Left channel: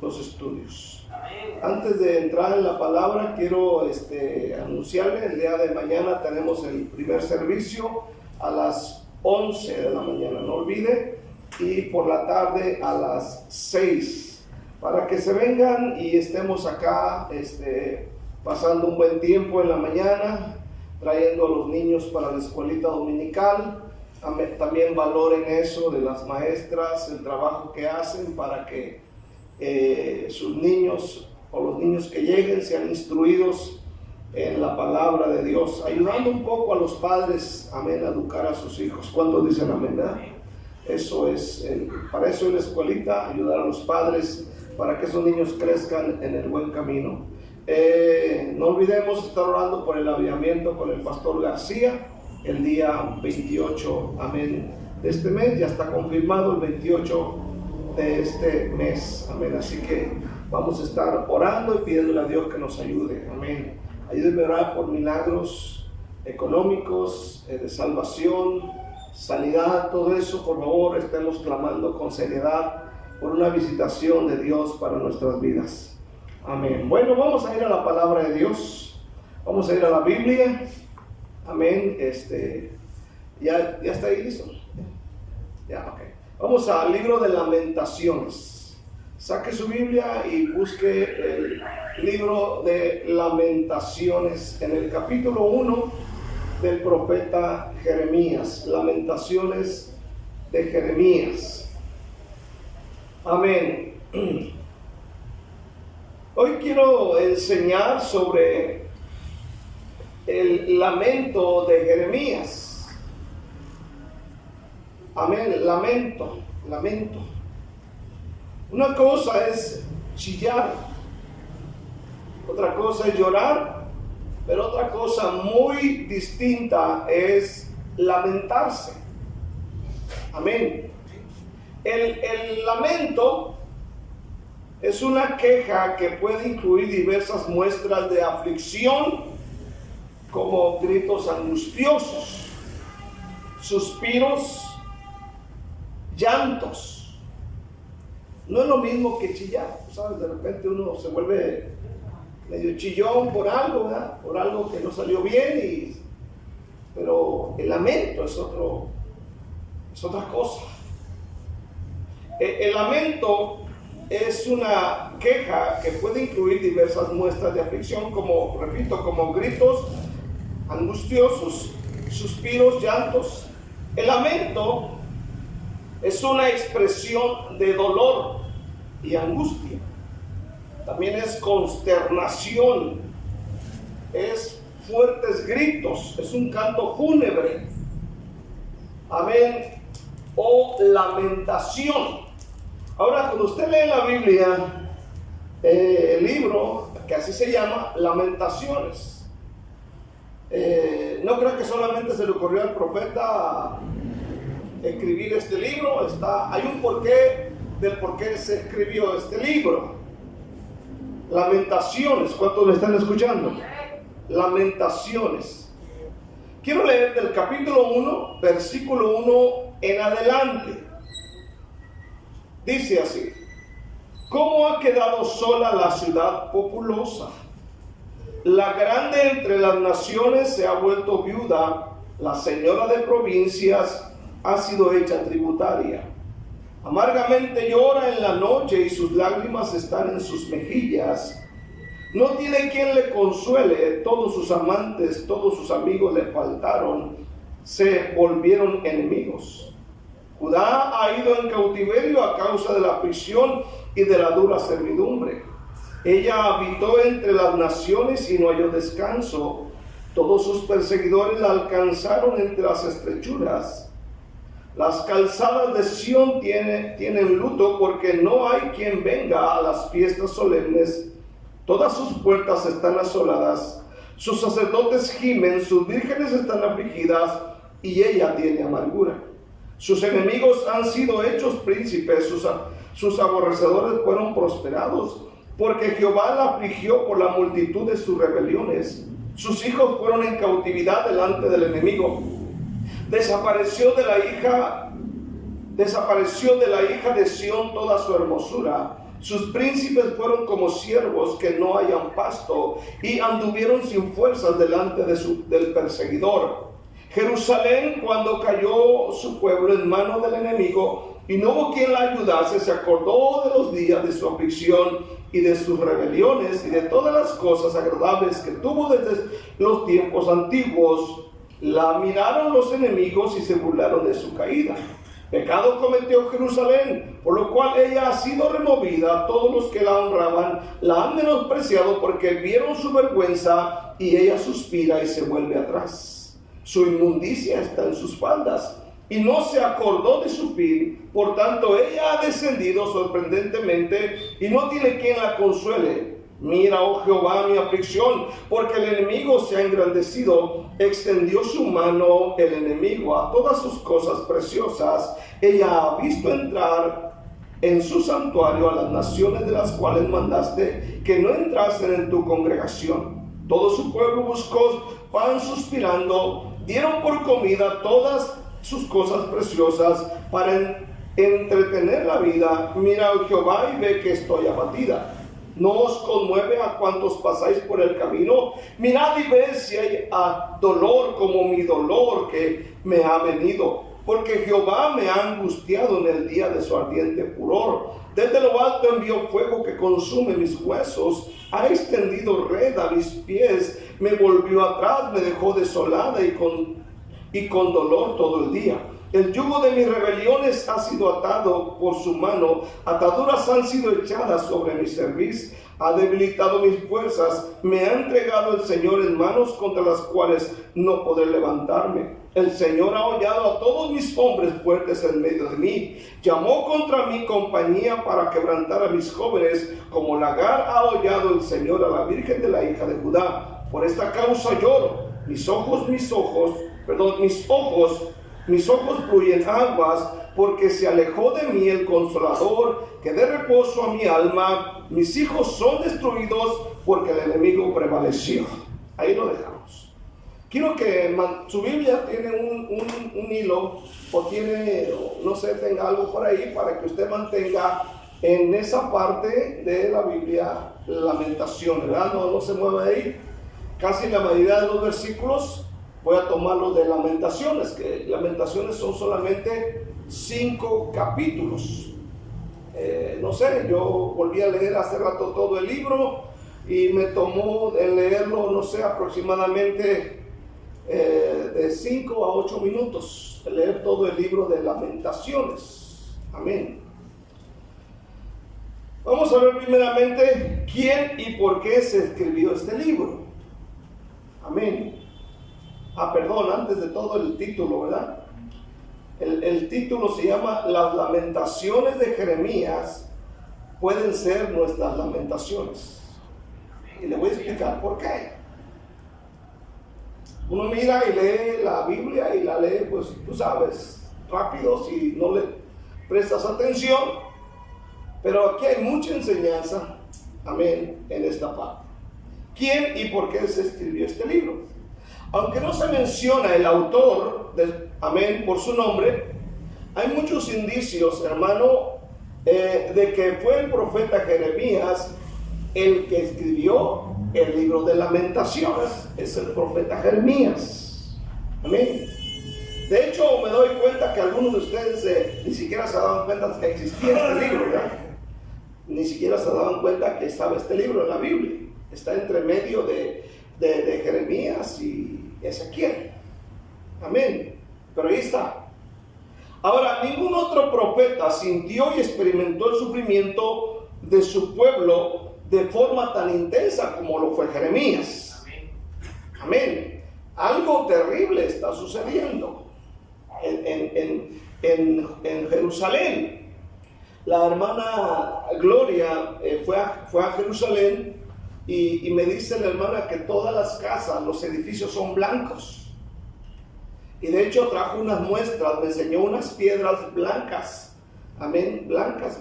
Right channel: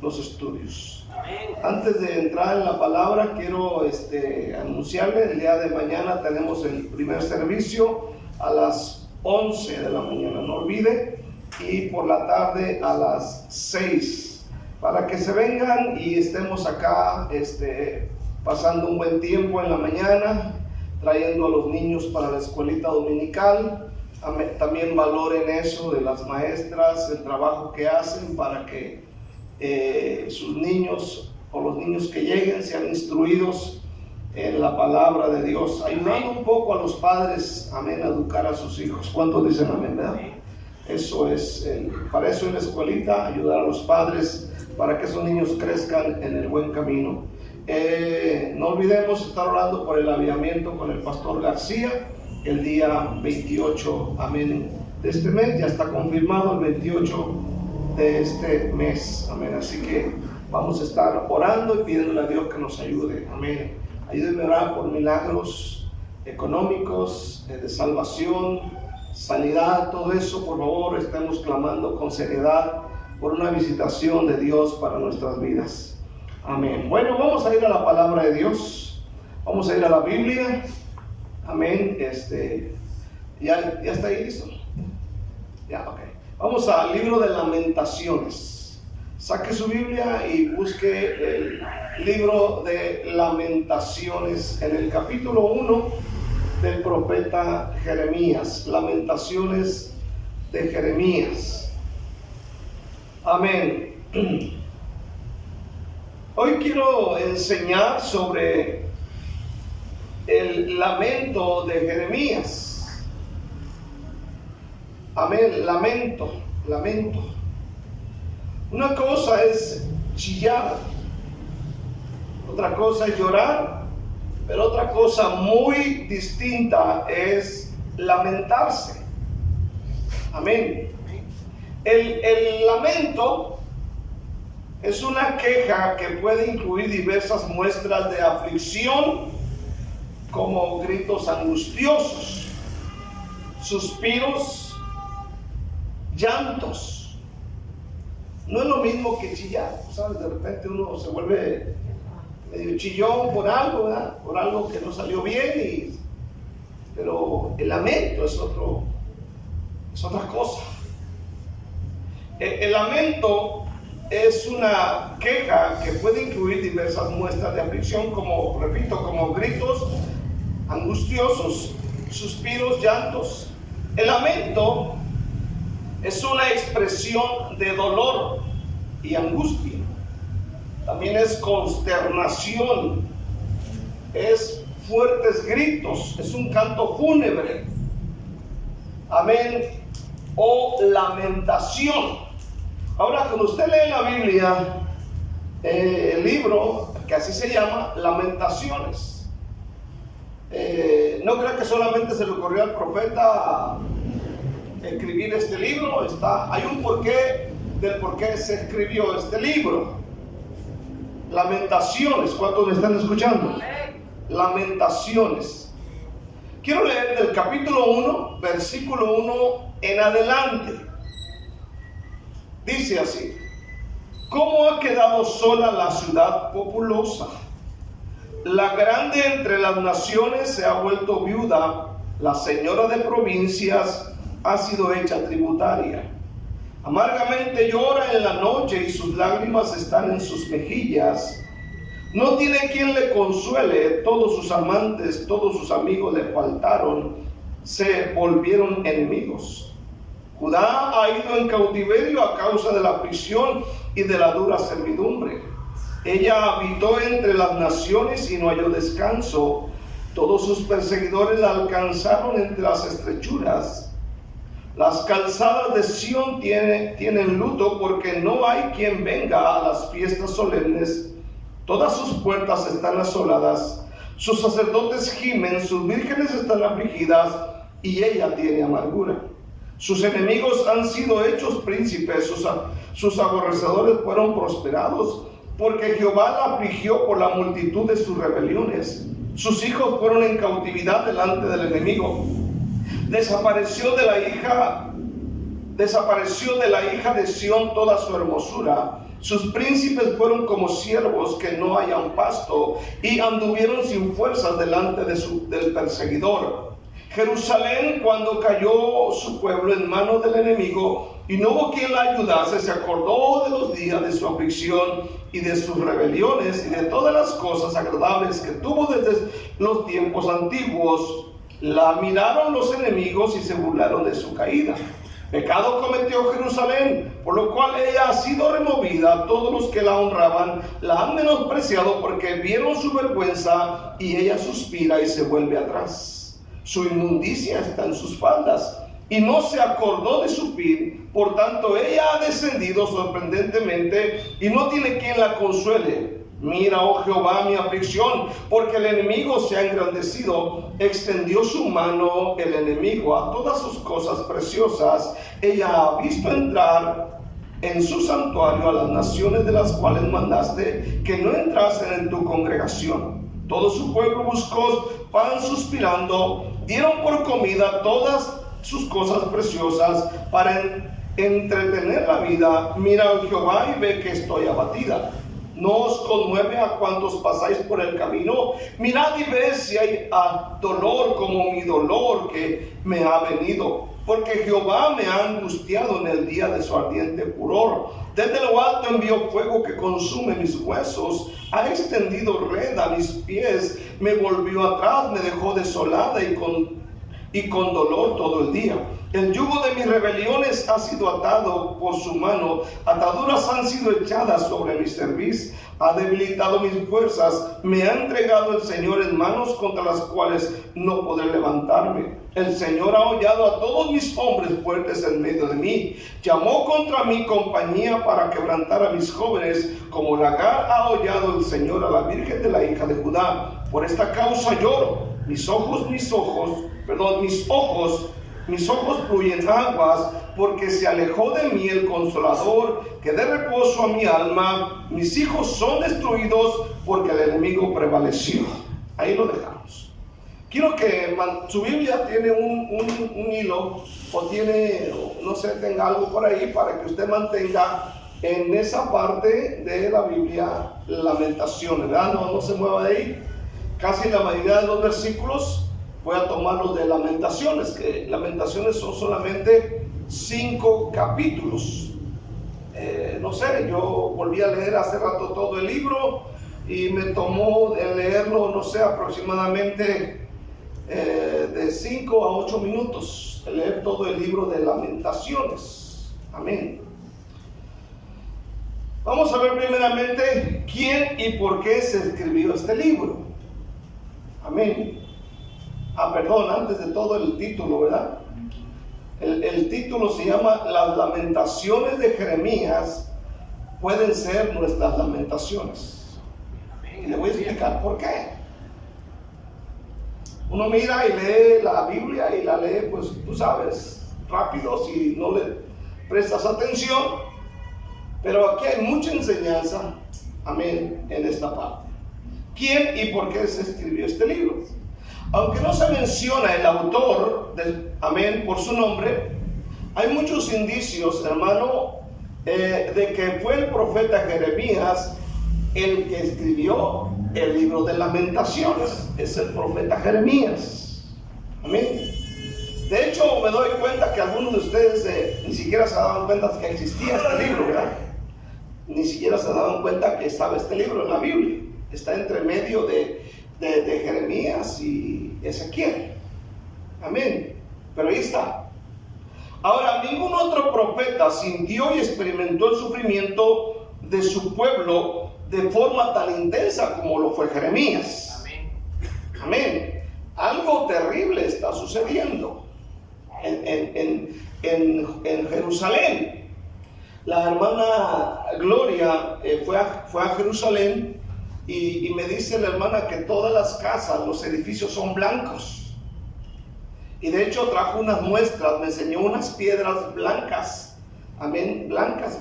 los estudios. Antes de entrar en la palabra, quiero anunciarle, el día de mañana tenemos el primer servicio a las 11 de la mañana, no olvide, y por la tarde a las 6, para que se vengan y estemos acá pasando un buen tiempo en la mañana, trayendo a los niños para la escuelita dominical. También valoren eso de las maestras, el trabajo que hacen para que sus niños o los niños que lleguen sean instruidos en la palabra de Dios, ayudando un poco a los padres, amén, a educar a sus hijos. ¿Cuántos dicen amén, verdad? Eso es, para eso es la escuelita, ayudar a los padres para que esos niños crezcan en el buen camino. No olvidemos estar orando por el avivamiento con el pastor García el día 28, amén, de este mes. Ya está confirmado el 28 de este mes, amén. Así que vamos a estar orando y pidiéndole a Dios que nos ayude, amén. Ayúdenme a orar por milagros económicos, de salvación, sanidad, todo eso. Por favor, estemos clamando con seriedad por una visitación de Dios para nuestras vidas, amén. Bueno, vamos a ir a la palabra de Dios, vamos a ir a la Biblia, amén. ¿Ya está ahí listo? Ya, ok. Vamos al libro de Lamentaciones. Saque su Biblia y busque el libro de Lamentaciones en el capítulo 1 del profeta Jeremías. Lamentaciones de Jeremías. Amén. Hoy quiero enseñar sobre el lamento de Jeremías. Amén, lamento. Una cosa es chillar, otra cosa es llorar, pero otra cosa muy distinta es lamentarse. Amén. El lamento es una queja que puede incluir diversas muestras de aflicción, como gritos angustiosos, suspiros, llantos. No es lo mismo que chillar, ¿sabes? De repente uno se vuelve medio chillón por algo, ¿verdad? Por algo que no salió bien, pero el lamento es otra cosa. El lamento es una queja que puede incluir diversas muestras de aflicción, como, repito, como gritos angustiosos, suspiros, llantos. El lamento es una expresión de dolor y angustia. También es consternación, es fuertes gritos, es un canto fúnebre. Amén. O lamentación. Ahora, cuando usted lee la Biblia, el libro, que así se llama, Lamentaciones, no creo que solamente se le ocurrió al profeta escribir este libro. Hay un porqué del por qué se escribió este libro. Lamentaciones. ¿Cuántos me están escuchando? Lamentaciones. Quiero leer del capítulo 1, versículo 1 en adelante. Dice así: ¿Cómo ha quedado sola la ciudad populosa? La grande entre las naciones se ha vuelto viuda, la señora de provincias ha sido hecha tributaria. Amargamente llora en la noche y sus lágrimas están en sus mejillas. No tiene quien le consuele, todos sus amantes, todos sus amigos le faltaron, se volvieron enemigos. Judá ha ido en cautiverio a causa de la prisión y de la dura servidumbre. Ella habitó entre las naciones y no halló descanso. Todos sus perseguidores la alcanzaron entre las estrechuras. Las calzadas de Sión tienen luto, porque no hay quien venga a las fiestas solemnes. Todas sus puertas están asoladas. Sus sacerdotes gimen, sus vírgenes están afligidas, y ella tiene amargura. Sus enemigos han sido hechos príncipes, sus aborrecedores fueron prosperados, porque Jehová la afligió por la multitud de sus rebeliones. Sus hijos fueron en cautividad delante del enemigo. Desapareció de la hija Desapareció de la hija de Sión toda su hermosura. Sus príncipes fueron como siervos que no hallan pasto, y anduvieron sin fuerzas delante del perseguidor. Jerusalén, cuando cayó su pueblo en manos del enemigo y no hubo quien la ayudase, se acordó de los días de su aflicción y de sus rebeliones y de todas las cosas agradables que tuvo desde los tiempos antiguos. La miraron los enemigos y se burlaron de su caída. Pecado cometió Jerusalén, por lo cual ella ha sido removida. Todos los que la honraban la han menospreciado, porque vieron su vergüenza, y ella suspira y se vuelve atrás. Su inmundicia está en sus faldas, y no se acordó de su fin. Por tanto, ella ha descendido sorprendentemente, y no tiene quien la consuele. Mira, oh Jehová, mi aflicción, porque el enemigo se ha engrandecido. Extendió su mano el enemigo a todas sus cosas preciosas. Ella ha visto entrar en su santuario a las naciones de las cuales mandaste que no entrasen en tu congregación. Todo su pueblo buscó pan suspirando. Dieron por comida todas sus cosas preciosas para entretener la vida. Mira, oh Jehová, y ve que estoy abatida. ¿No os conmueve a cuantos pasáis por el camino? Mirad y ved si hay dolor como mi dolor que me ha venido. Porque Jehová me ha angustiado en el día de su ardiente furor. Desde lo alto envió fuego que consume mis huesos. Ha extendido red a mis pies. Me volvió atrás, me dejó desolada y con dolor todo el día. El yugo de mis rebeliones ha sido atado por su mano, ataduras han sido echadas sobre mi cerviz, ha debilitado mis fuerzas, me ha entregado el Señor en manos contra las cuales no podré levantarme. El Señor ha hollado a todos mis hombres fuertes en medio de mí, llamó contra mi compañía para quebrantar a mis jóvenes, como lagar ha hollado el Señor a la Virgen de la hija de Judá. Por esta causa lloro, mis ojos fluyen aguas, porque se alejó de mí el Consolador, que dé reposo a mi alma. Mis hijos son destruidos, porque el enemigo prevaleció. Ahí lo dejamos. Quiero que su Biblia tiene un hilo, o tiene, no sé, tenga algo por ahí, para que usted mantenga en esa parte de la Biblia Lamentaciones, ¿verdad? No se mueva de ahí. Casi la mayoría de los versículos voy a tomarlos de Lamentaciones, que Lamentaciones son solamente 5 capítulos. No sé, yo volví a leer hace rato todo el libro y me tomó de leerlo, no sé, aproximadamente de 5 a 8 minutos, de leer todo el libro de Lamentaciones. Amén. Vamos a ver primeramente quién y por qué se escribió este libro. Amén. Perdón, antes de todo el título, ¿verdad? El título se llama Las Lamentaciones de Jeremías pueden ser nuestras lamentaciones. Y le voy a explicar por qué. Uno mira y lee la Biblia y la lee, pues tú sabes, rápido si no le prestas atención. Pero aquí hay mucha enseñanza, amén, en esta parte. ¿Quién y por qué se escribió este libro? Aunque no se menciona el autor amén, por su nombre, hay muchos indicios, hermano, de que fue el profeta Jeremías el que escribió el libro de Lamentaciones. Es el profeta Jeremías. Amén. De hecho, me doy cuenta que algunos de ustedes ni siquiera se daban cuenta que existía este libro, ¿verdad? Ni siquiera se daban cuenta que estaba este libro en la Biblia. Está entre medio de Jeremías y Ezequiel. Amén. Pero ahí está. Ahora, ningún otro profeta sintió y experimentó el sufrimiento de su pueblo de forma tan intensa como lo fue Jeremías. Amén. Algo terrible está sucediendo en Jerusalén. La hermana Gloria fue a Jerusalén y me dice la hermana que todas las casas, los edificios son blancos. Y de hecho trajo unas muestras, me enseñó unas piedras blancas. Amén, blancas,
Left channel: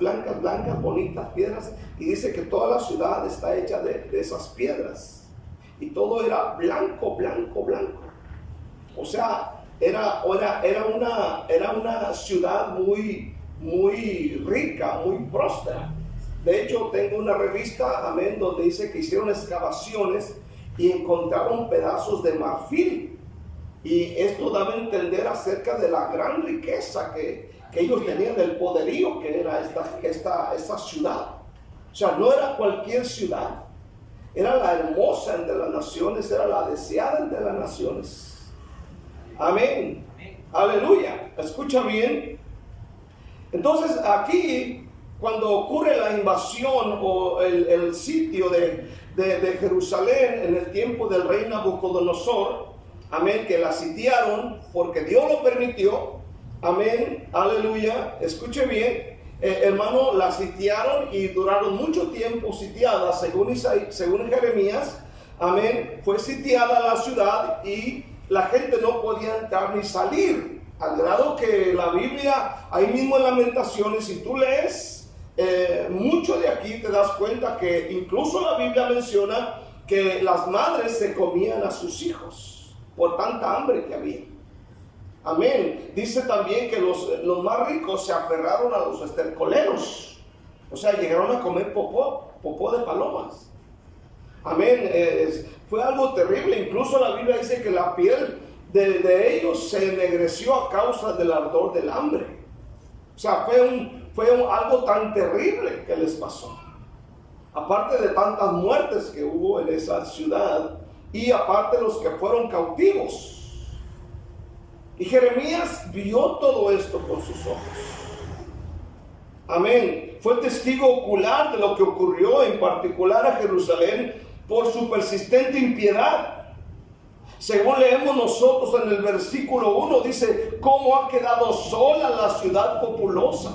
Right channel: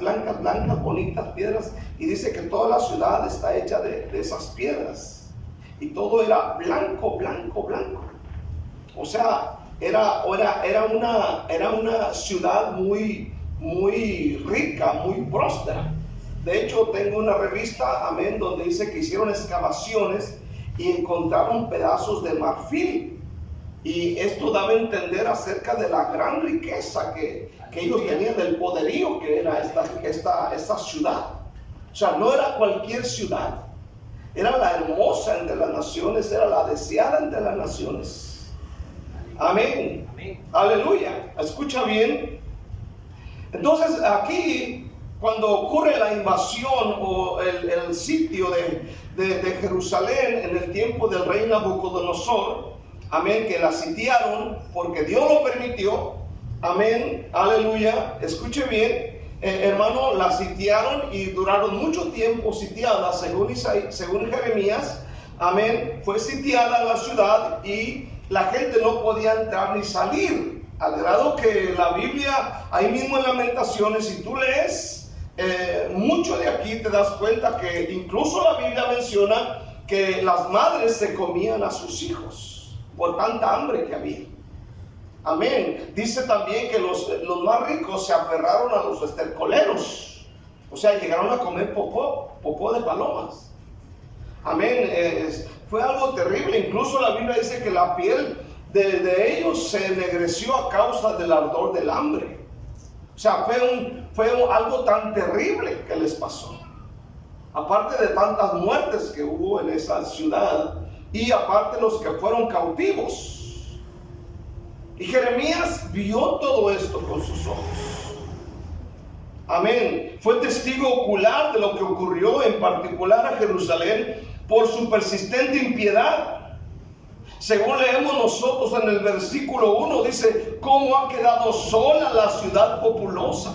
bonitas piedras. Y dice que toda la ciudad está hecha de esas piedras. Y todo era blanco. O sea, era una ciudad muy rica, muy próspera. De hecho, tengo una revista, amén, donde dice que hicieron excavaciones y encontraron pedazos de marfil. Y esto daba a entender acerca de la gran riqueza que ellos tenían, del poderío que era esta ciudad. O sea, no era cualquier ciudad, era la hermosa entre las naciones, era la deseada entre las naciones. Amén. Amén. Aleluya. Escucha bien. Entonces aquí, cuando ocurre la invasión o el sitio de Jerusalén en el tiempo del rey Nabucodonosor, amén, que la sitiaron porque Dios lo permitió, amén, aleluya, escuche bien, hermano, la sitiaron y duraron mucho tiempo sitiada, según Jeremías, amén, fue sitiada la ciudad y la gente no podía entrar ni salir, al grado que la Biblia, ahí mismo en Lamentaciones, si tú lees mucho de aquí, te das cuenta que incluso la Biblia menciona que las madres se comían a sus hijos por tanta hambre que había. Amén. Dice también que los más ricos se aferraron a los estercoleros, o sea, llegaron a comer popó de palomas. Amén. Fue algo terrible. Incluso la Biblia dice que la piel de ellos se ennegreció a causa del ardor del hambre. O sea, fue algo tan terrible que les pasó. Aparte de tantas muertes que hubo en esa ciudad, y aparte los que fueron cautivos. Y Jeremías vio todo esto con sus ojos. Amén. Fue testigo ocular de lo que ocurrió, en particular a Jerusalén, por su persistente impiedad. Según leemos nosotros en el versículo 1, dice: ¿cómo ha quedado sola la ciudad populosa?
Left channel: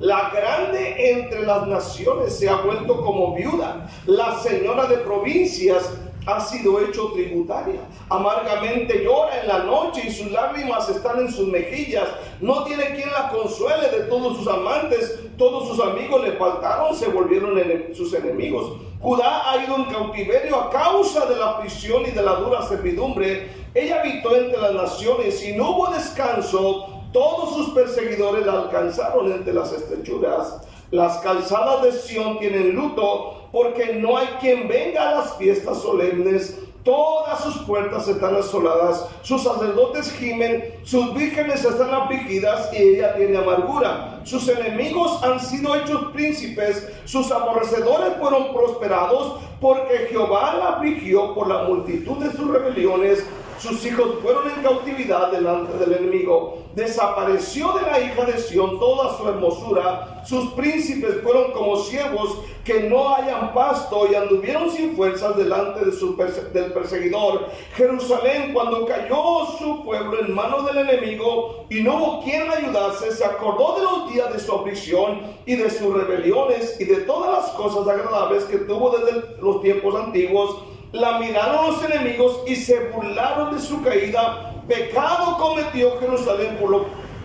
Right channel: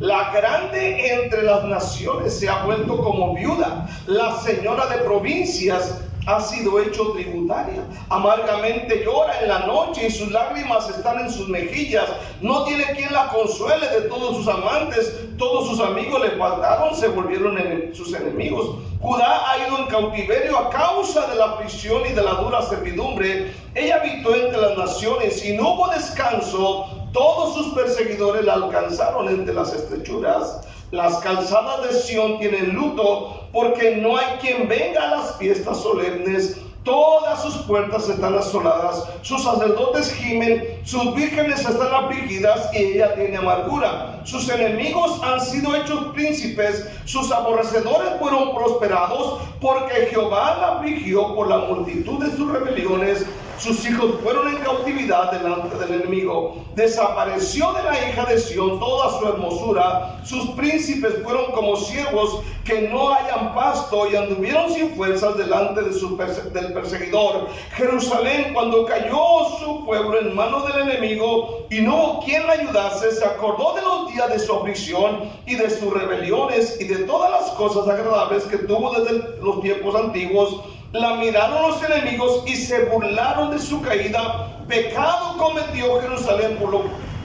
La grande entre las naciones se ha vuelto como viuda. La señora de provincias ha sido hecho tributaria. Amargamente llora en la noche y sus lágrimas están en sus mejillas. No tiene quien la consuele de todos sus amantes. Todos sus amigos le faltaron, se volvieron sus enemigos. Judá ha ido en cautiverio a causa de la prisión y de la dura servidumbre. Ella habitó entre las naciones y no hubo descanso. Todos sus perseguidores la alcanzaron entre las estrechuras. Las calzadas de Sión tienen luto, porque no hay quien venga a las fiestas solemnes. Todas sus puertas están asoladas, sus sacerdotes gimen, sus vírgenes están afligidas y ella tiene amargura. Sus enemigos han sido hechos príncipes, sus aborrecedores fueron prosperados, porque Jehová la afligió por la multitud de sus rebeliones. Sus hijos fueron en cautividad delante del enemigo. Desapareció de la hija de Sión toda su hermosura. Sus príncipes fueron como ciervos que no hallan pasto y anduvieron sin fuerzas delante del perseguidor. Jerusalén, cuando cayó su pueblo en manos del enemigo y no hubo quien la ayudase, se acordó de los días de su aflicción y de sus rebeliones y de todas las cosas agradables que tuvo desde los tiempos antiguos. La miraron los enemigos y se burlaron de su caída. Pecado cometió Jerusalén,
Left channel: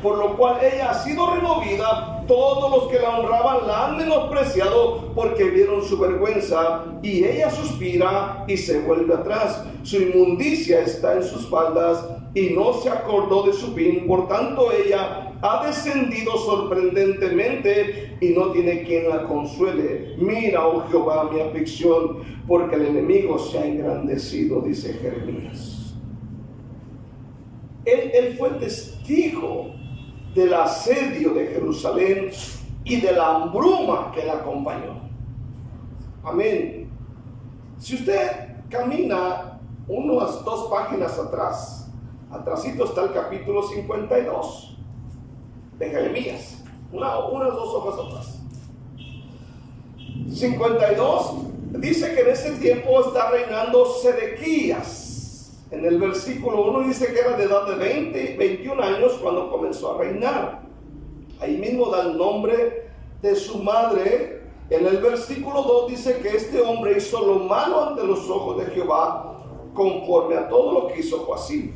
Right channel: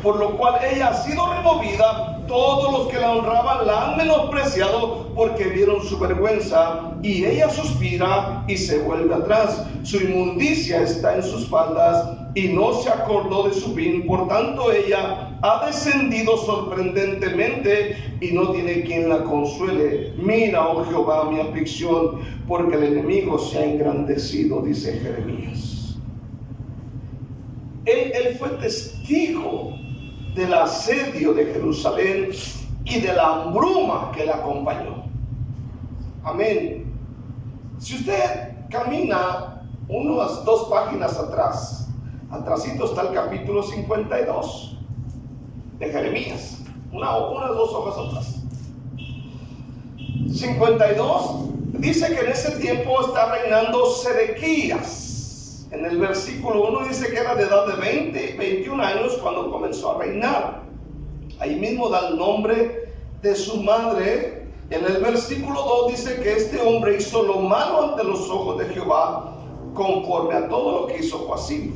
por lo cual ella ha sido removida. Todos los que la honraban la han menospreciado, porque vieron su vergüenza. Y ella suspira y se vuelve atrás. Su inmundicia está en sus faldas y no se acordó de su fin. Por tanto, ella ha descendido sorprendentemente y no tiene quien la consuele. Mira, oh Jehová, mi aflicción, porque el enemigo se ha engrandecido, dice Jeremías. Él fue testigo del asedio de Jerusalén y de la hambruma que la acompañó. Amén. Si usted camina unas 2 páginas atrás, atrásito está el capítulo 52 de Jeremías, unas 2 hojas atrás. 52 dice que en ese tiempo está reinando Sedequías. En el versículo 1 dice que era de edad de 21 años cuando comenzó a reinar. Ahí mismo da el nombre de su madre. En el versículo 2 dice que este hombre hizo lo malo ante los ojos de Jehová, conforme a todo lo que hizo Joacim.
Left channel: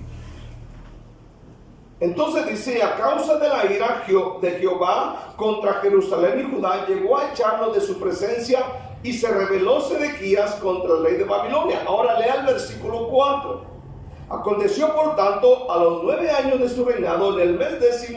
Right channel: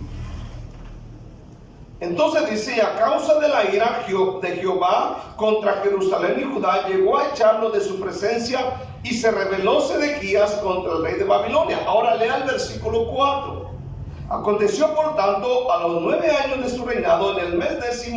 Entonces dice: a causa de la ira de Jehová contra Jerusalén y Judá, llegó a echarlo de su presencia, y se rebeló Sedequías contra el rey de Babilonia. Ahora lea el versículo 4. Aconteció por tanto a los 9 años de su reinado, en el mes 10,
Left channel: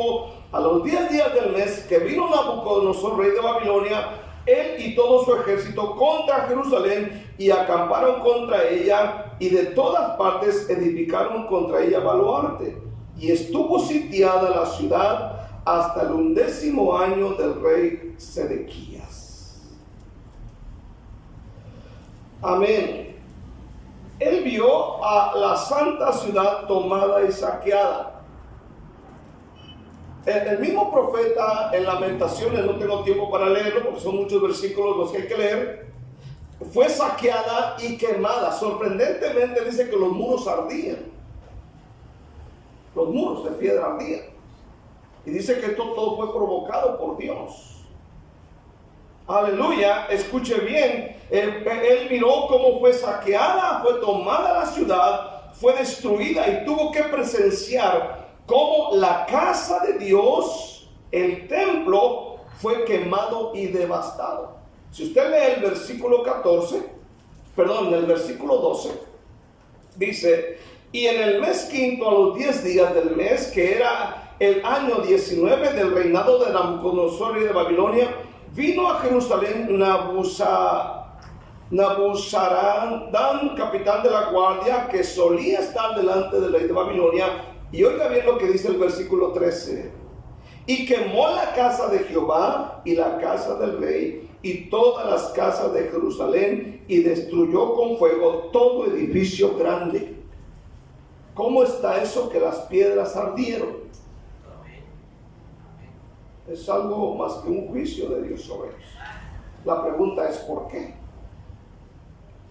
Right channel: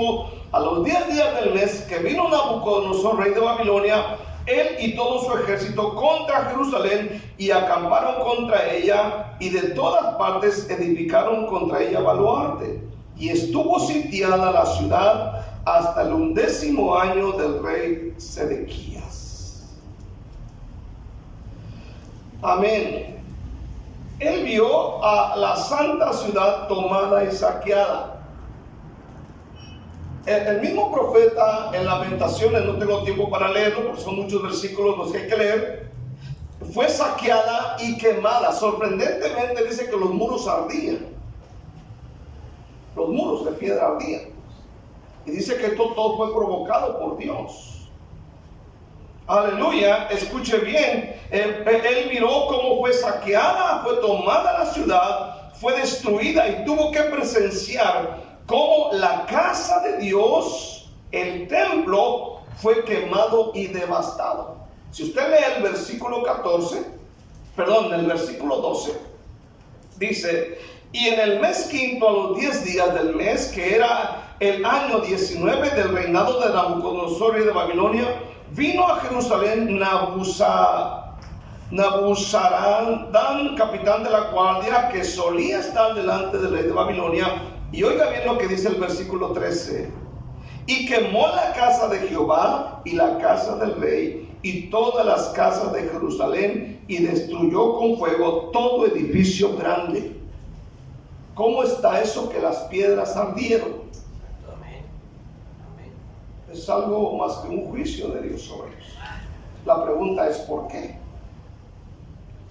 a los 10 días del mes, que vino Nabucodonosor, rey de Babilonia, él y todo su ejército contra Jerusalén, y acamparon contra ella, y de todas partes edificaron contra ella baluarte. Y estuvo sitiada la ciudad hasta el 11º año del rey Sedequías. Amén. Él vio a la santa ciudad tomada y saqueada. El mismo profeta en Lamentaciones, no tengo tiempo para leerlo porque son muchos versículos los que hay que leer, fue saqueada y quemada. Sorprendentemente dice que los muros ardían. Los muros de piedra ardían. Y dice que esto todo fue provocado por Dios. Aleluya, escuche bien. Él miró cómo fue saqueada, fue tomada la ciudad, fue destruida, y tuvo que presenciar cómo la casa de Dios, el templo, fue quemado y devastado. Si usted lee el versículo 12, dice: y en el mes quinto, a los 10 días del mes, que era el año 19 del reinado de Nabucodonosor, rey de Babilonia, vino a Jerusalén Nabuzaradán, capitán de la guardia, que solía estar delante del rey de Babilonia. Y oiga bien lo que dice el versículo 13: y quemó la casa de Jehová y la casa del rey y todas las casas de Jerusalén, y destruyó con fuego todo edificio grande. ¿Cómo está eso que las piedras ardieron? Es algo más que un juicio de Dios sobre ellos. La pregunta es ¿por qué?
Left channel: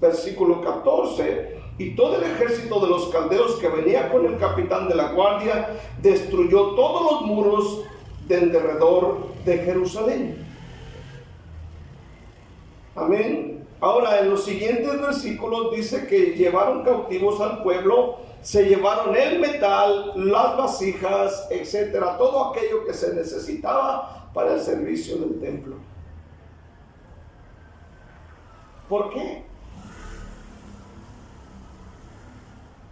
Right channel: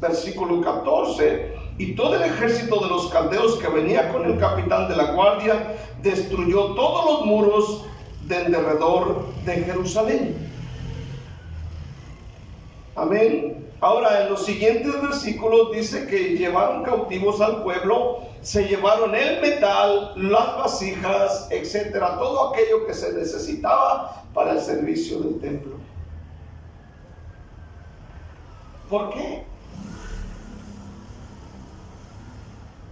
Versículo 14: y todo el ejército de los caldeos que venía con el capitán de la guardia destruyó todos los muros de en derredor de Jerusalén. Amén. Ahora, en los siguientes versículos dice que llevaron cautivos al pueblo, se llevaron el metal, las vasijas, etcétera, todo aquello que se necesitaba para el servicio del templo. ¿Por qué?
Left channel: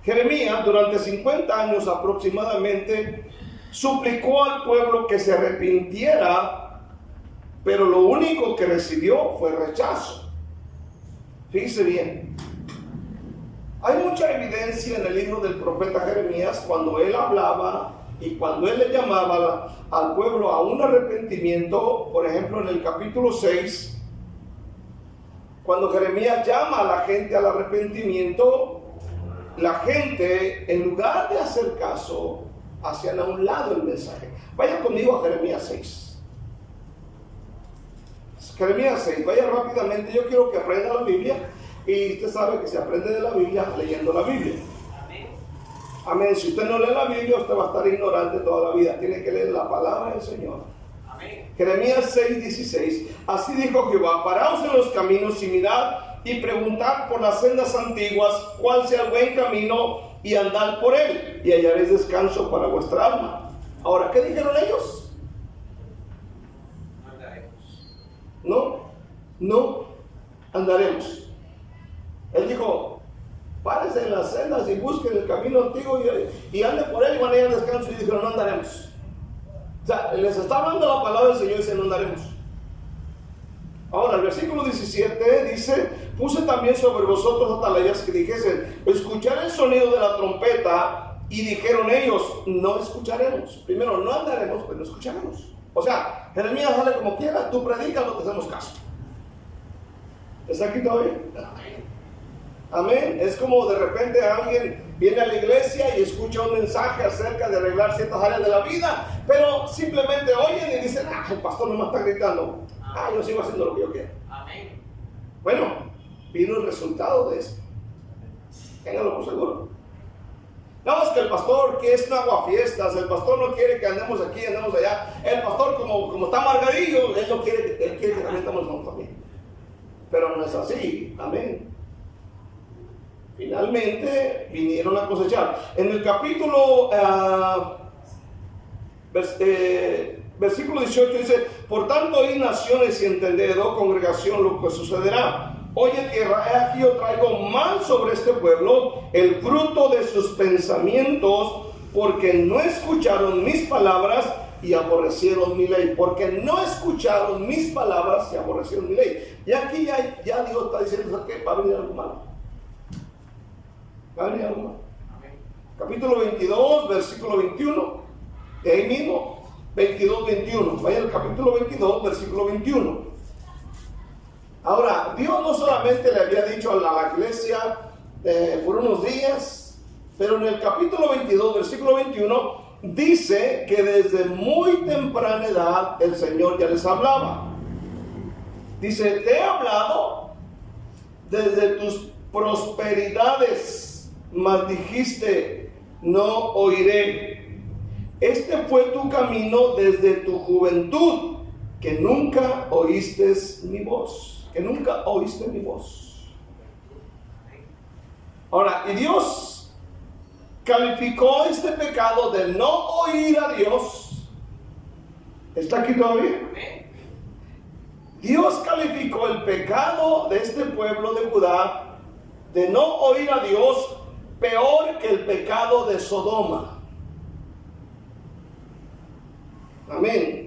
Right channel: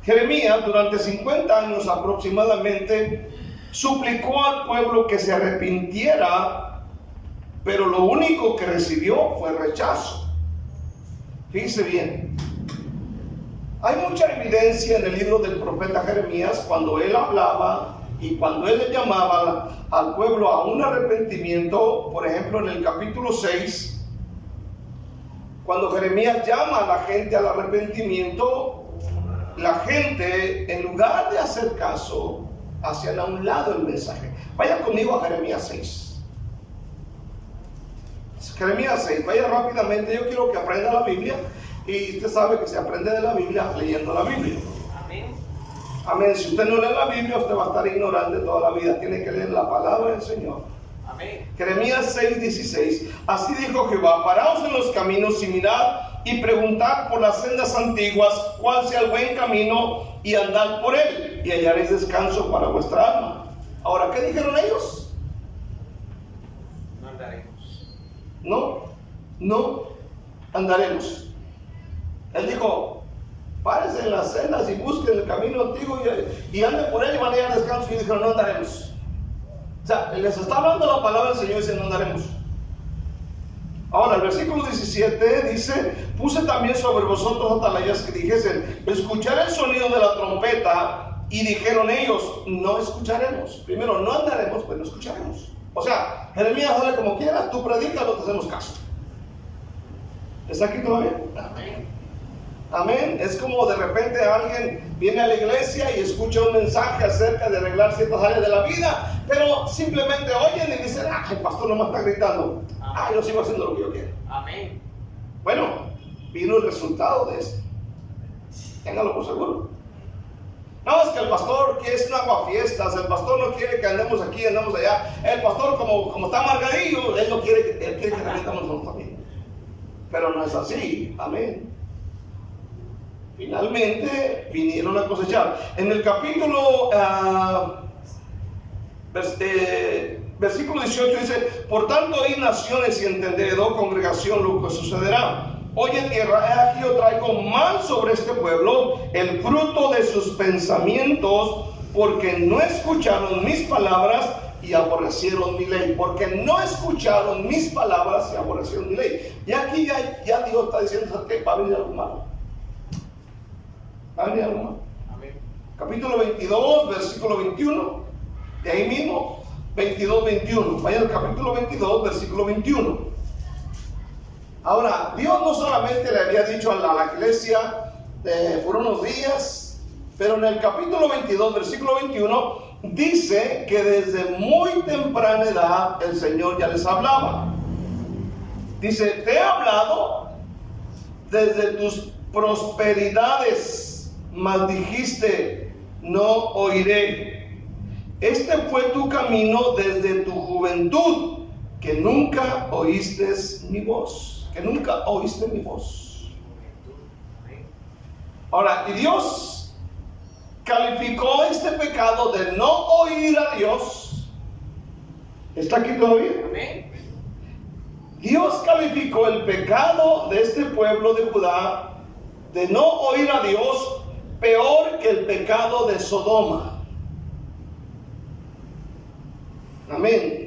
Jeremías, durante 50 años aproximadamente, suplicó al pueblo que se arrepintiera, pero lo único que recibió fue rechazo. Fíjese bien, hay mucha evidencia en el libro del profeta Jeremías cuando él hablaba y cuando él le llamaba al pueblo a un arrepentimiento. Por ejemplo, en el capítulo 6, cuando Jeremías llama a la gente al arrepentimiento, la gente, en lugar de hacer caso, hacían a un lado el mensaje. Vaya conmigo a Jeremías 6. Jeremías 6, vaya rápidamente. Yo quiero que aprenda la Biblia, y usted sabe que se aprende de la Biblia leyendo la Biblia. Amén. Amén. Si usted no lee la Biblia, usted va a estar ignorante toda la vida. Tiene que leer la palabra del Señor. Amén. Jeremías 6:16. Así dijo Jehová: paraos en los caminos y mirad y preguntad por las sendas antiguas cuál sea el buen camino, y andad por él, y hallaréis descanso para vuestra alma. Ahora, ¿qué dijeron ellos? No andaremos. Él dijo: párense en las sendas y busquen el camino antiguo y anden por él y van a hallar descanso. Y dijeron: no andaremos. O sea, les está hablando la palabra del Señor y dice: no andaremos. Ahora, el versículo 17 dice: puse también sobre vosotros atalayas que dijesen: escuchar el sonido de la trompeta. Y dijeron ellos: no escucharemos. Primero, no andaremos, pues no escucharemos. O sea, Jeremías, dale como quieras, tú predicas, no te hacemos caso. ¿Está aquí todavía? Amén. Amén. Es como de repente alguien viene a la iglesia y escucha un mensaje acerca de arreglar ciertas áreas de la vida, pero simplemente oyen y dicen: el pastor nomás está gritando. Yo sigo haciendo lo que yo quiero. Amén. Bueno, vino el resultado de eso. Téngalo por seguro. No, es que el pastor que es un aguafiestas, el pastor no quiere que andemos aquí, andemos allá. El pastor, como está amargadillo, él quiere que también estamos juntos también. Pero no es así. Amén. Finalmente vinieron a cosechar. En el capítulo versículo 18 dice: por tanto, oíd naciones y entended, oh congregación, lo que sucederá. Oye tierra, he aquí yo traigo mal sobre este pueblo el fruto de sus pensamientos, porque no escucharon mis palabras y aborrecieron mi ley. Porque no escucharon mis palabras y aborrecieron mi ley. Y aquí ya Dios está diciendo que va a venir algo malo. Va a venir algo malo. Amén. Capítulo 22, versículo 21. De ahí mismo, 22, 21. Vaya al capítulo 22, versículo 21. Ahora, Dios no solamente le había dicho a la iglesia por unos días, pero en el capítulo 22, versículo 21, dice que desde muy temprana edad el Señor ya les hablaba. Dice, te he hablado desde tus prosperidades, mas dijiste, no oiré. Este fue tu camino desde tu juventud, que nunca oíste mi voz. Que nunca oíste mi voz. Ahora, y Dios calificó este pecado de no oír a Dios. ¿Está aquí todavía? Dios calificó el pecado de este pueblo de Judá de no oír a Dios peor que el pecado de Sodoma. Amén.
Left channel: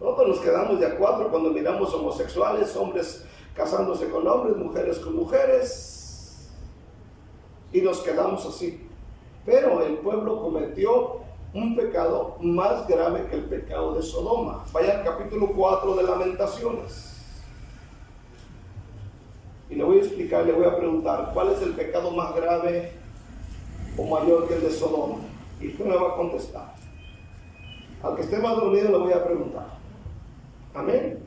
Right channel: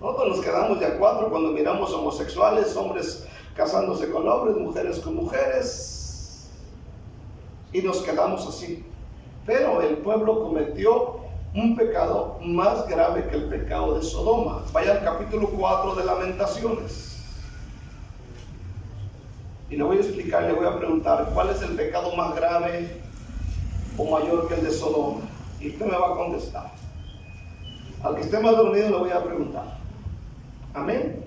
Nosotros nos quedamos de a cuatro cuando miramos homosexuales, hombres casándose con hombres, mujeres con mujeres, y nos quedamos así. Pero el pueblo cometió un pecado más grave que el pecado de Sodoma. Vaya al capítulo 4 de Lamentaciones. Y le voy a explicar, le voy a preguntar, ¿cuál es el pecado más grave o mayor que el de Sodoma? Y usted me va a contestar. Al que esté más dormido le voy a preguntar. Amén.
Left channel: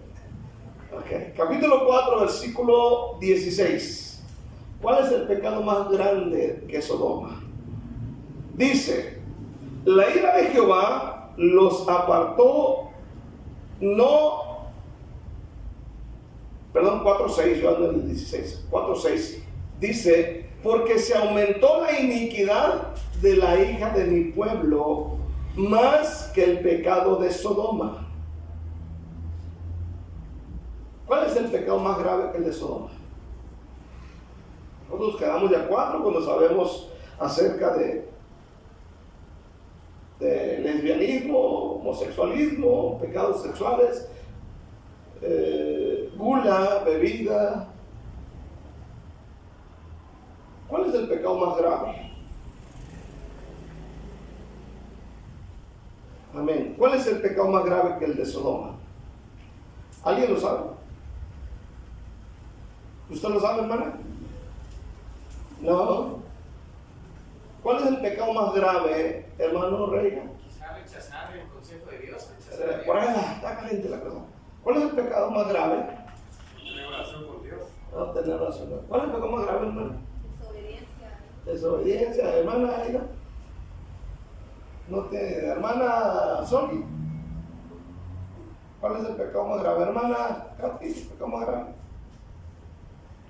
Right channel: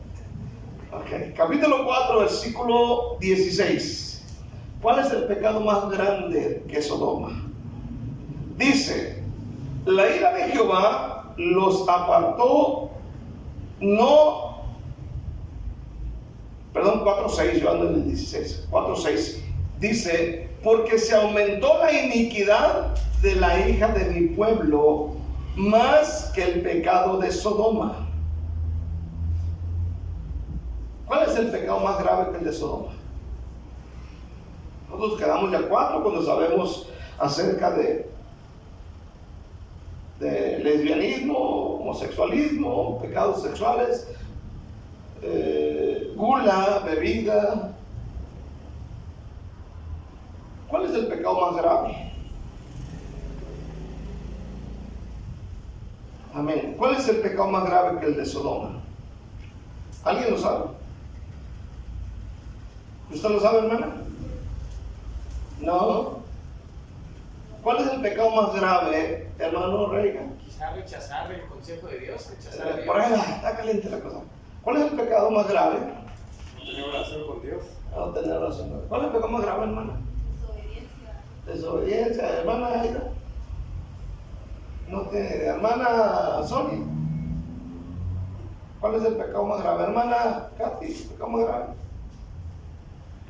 Ok. Capítulo 4, versículo 16. ¿Cuál es el pecado más grande que Sodoma? Dice, la ira de Jehová los apartó, 4:6, yo ando en el 16, 4:6. Dice, porque se aumentó la iniquidad de la hija de mi pueblo más que el pecado de Sodoma. ¿Cuál es el pecado más grave que el de Sodoma? Nosotros quedamos ya cuatro cuando sabemos acerca de lesbianismo, homosexualismo, pecados sexuales, gula, bebida. ¿Cuál es el pecado más grave? Amén. ¿Cuál es el pecado más grave que el de Sodoma? ¿Alguien lo sabe? ¿Usted lo sabe, hermana? No. ¿Cuál es el pecado más grave, hermano Reagan? Quizá rechazar el consejo de Dios. Por ahí está caliente la cosa. ¿Cuál es el pecado más grave? No tener oración con Dios. No tener oración. ¿Cuál es el pecado más grave, hermana? Desobediencia. Desobediencia, hermana Aida. No tiene, hermana Soli. ¿Cuál es el pecado más grave? Hermana Katy, ¿el pecado más grave?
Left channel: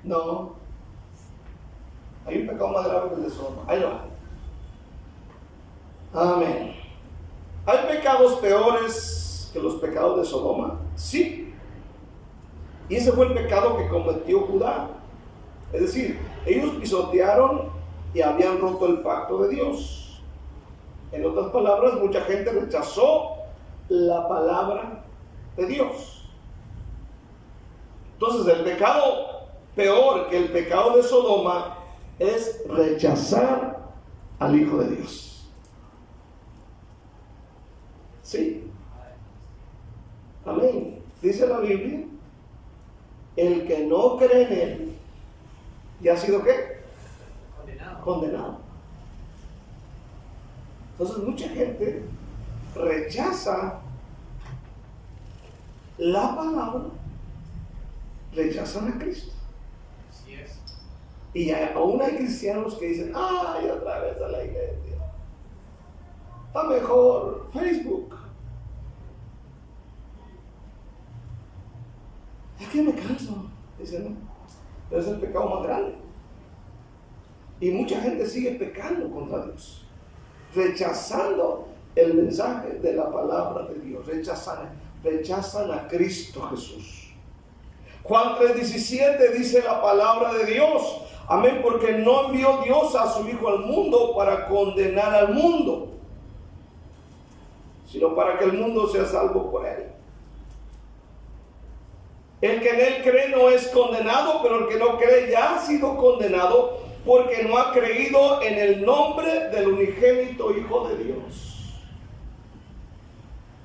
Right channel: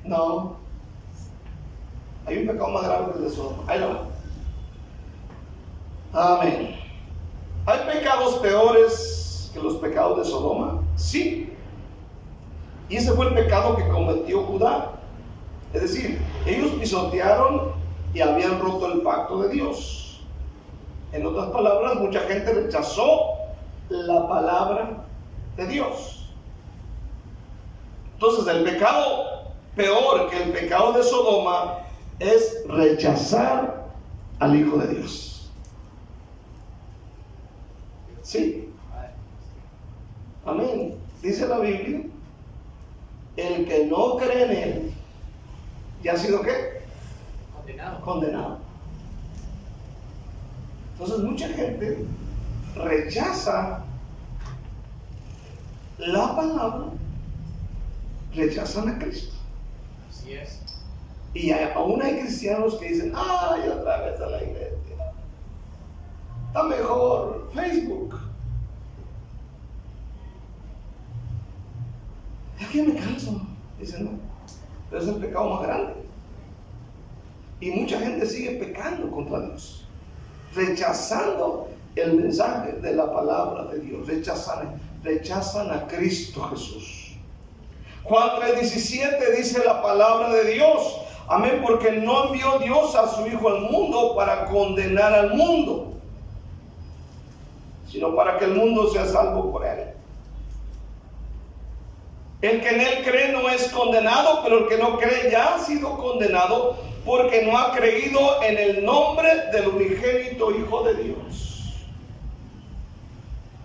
No. Hay un pecado más grave que el de Sodoma. Ahí lo va. Amén. ¿Hay pecados peores que los pecados de Sodoma? Sí. Y ese fue el pecado que cometió Judá. Es decir, ellos pisotearon y habían roto el pacto de Dios. En otras palabras, mucha gente rechazó la palabra de Dios. Entonces, el pecado peor que el pecado de Sodoma es rechazar al Hijo de Dios. Sí. Amén. Dice la Biblia, el que no cree en Él, ¿ya ha sido qué? Condenado. Entonces mucha gente rechaza la palabra, rechazan a Cristo. Así es. Y aún hay cristianos que dicen, ay, otra vez a la iglesia. Está mejor Facebook. Es que me canso. Dicen, no. Pero es el pecado más grande. Y mucha gente sigue pecando contra Dios, rechazando el mensaje de la palabra de Dios, rechazan a Cristo Jesús. Juan 3:17 dice la palabra de Dios. Amén, porque no envió Dios a su Hijo al mundo para condenar al mundo, sino para que el mundo sea salvo por él. El que en él cree no es condenado, pero el que no cree ya ha sido condenado porque no ha creído en el nombre del unigénito Hijo de Dios.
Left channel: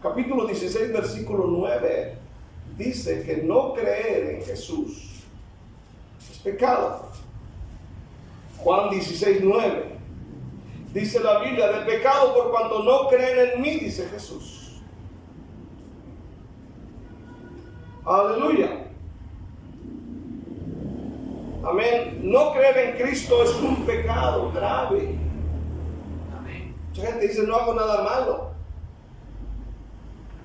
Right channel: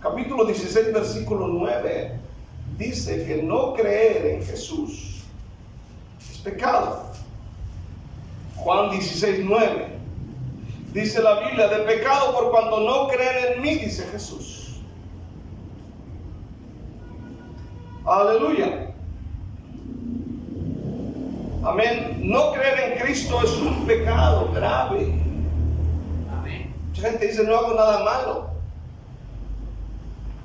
Capítulo 16, versículo 9 dice que no creer en Jesús es pecado. Juan 16, 9 dice la Biblia: de pecado por cuanto no creen en mí, dice Jesús. Aleluya. Amén. No creer en Cristo es un pecado grave. Amén. Mucha gente dice: no hago nada malo,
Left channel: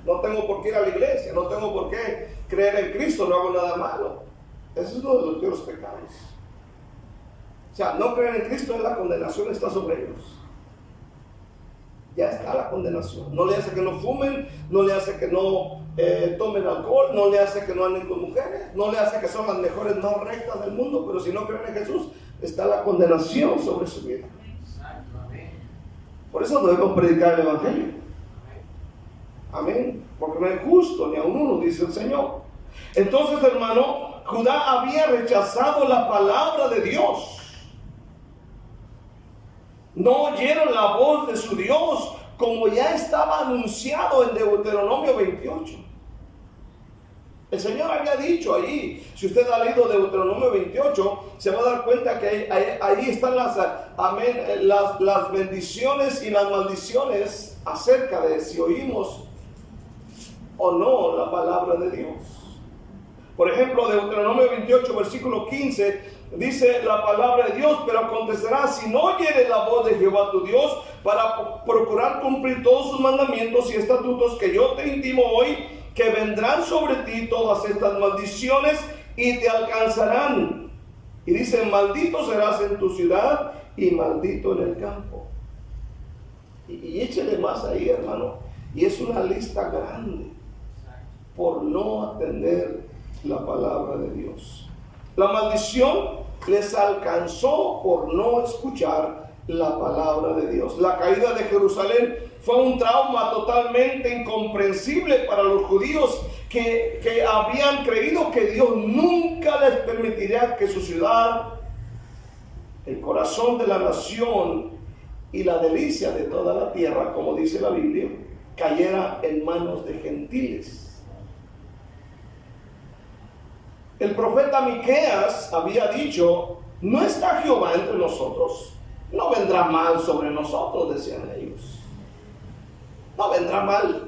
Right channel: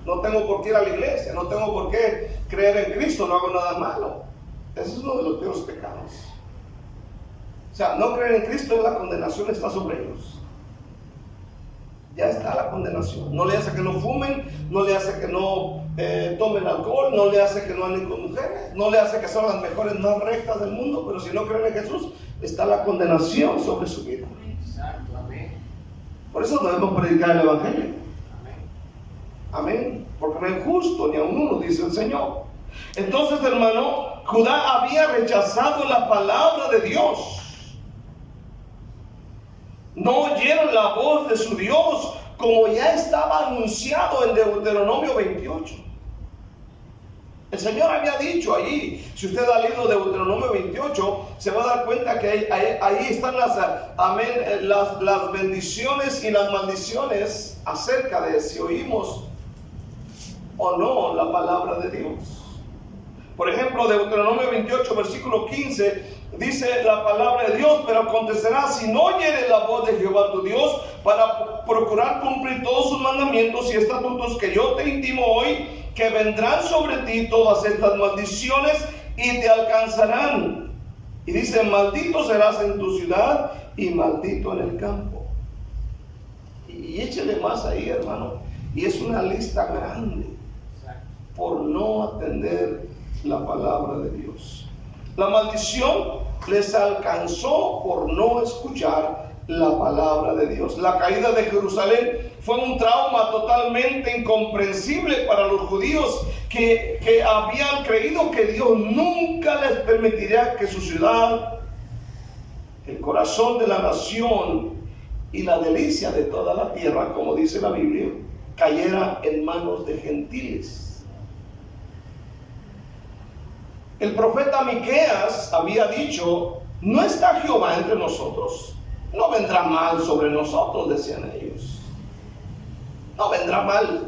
no tengo por qué ir a la iglesia, no tengo por qué creer en Cristo, no hago nada malo. Ese es uno de los peores pecados. O sea, no creer en Cristo, la condenación está sobre ellos. Ya está la condenación. No le hace que no fumen, no le hace que no tomen alcohol, no le hace que no anden con mujeres, no le hace que son las mejores, más rectas del mundo, pero si no creen en Jesús, está la condenación sobre su vida. Exacto, amén. Por eso debemos predicar el Evangelio. Amén. Amén. Porque no es justo ni a uno, dice el Señor. Entonces, hermano, Judá había rechazado la palabra de Dios. No oyeron la voz de su Dios, como ya estaba anunciado en Deuteronomio 28. El Señor había dicho allí, si usted ha leído Deuteronomio 28, se va a dar cuenta que ahí están las bendiciones y las maldiciones acerca de si oímos o no la palabra de Dios. Por ejemplo, Deuteronomio 28, versículo 15, dice la palabra de Dios: pero acontecerá, si no oyeres la voz de Jehová tu Dios, para procurar cumplir todos sus mandamientos y estatutos que yo te intimo hoy, que vendrán sobre ti todas estas maldiciones y te alcanzarán. Y dice: maldito serás en tu ciudad y maldito en el campo. Y échale más ahí, hermano. Y es una lista grande por no atender la palabra de Dios. La maldición les alcanzó por no escuchar la palabra de Dios. La caída de Jerusalén fue un trauma totalmente incomprensible para los judíos que habían creído que Dios nunca les permitiría que su ciudad, el corazón de la nación y la delicia de toda la tierra, como dice la Biblia, cayera en manos de gentiles. El profeta Miqueas había dicho: no está Jehová entre nosotros, no vendrá mal sobre nosotros, decían ellos. No vendrá mal.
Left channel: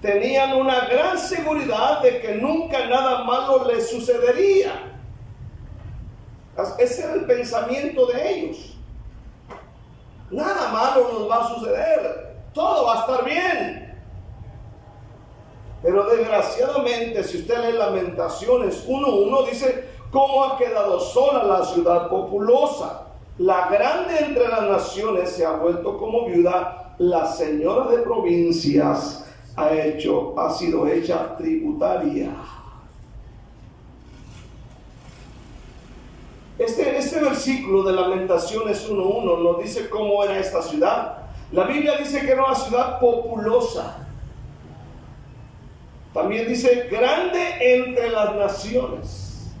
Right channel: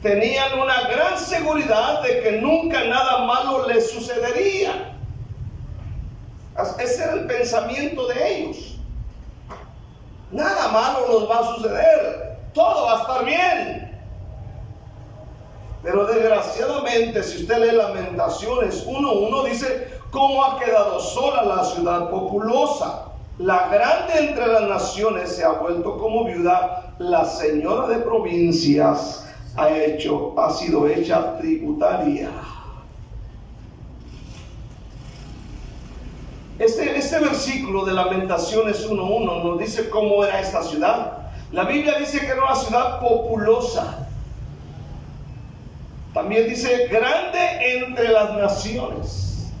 Tenían una gran seguridad de que nunca nada malo les sucedería. Ese era el pensamiento de ellos. Nada malo nos va a suceder, todo va a estar bien. Pero desgraciadamente, si usted lee Lamentaciones 1:1, dice: cómo ha quedado sola la ciudad populosa, la grande entre las naciones se ha vuelto como viuda, la señora de provincias ha sido hecha tributaria. Este versículo de Lamentaciones 1:1 nos dice cómo era esta ciudad. La Biblia dice que era una ciudad populosa. También dice grande entre las naciones.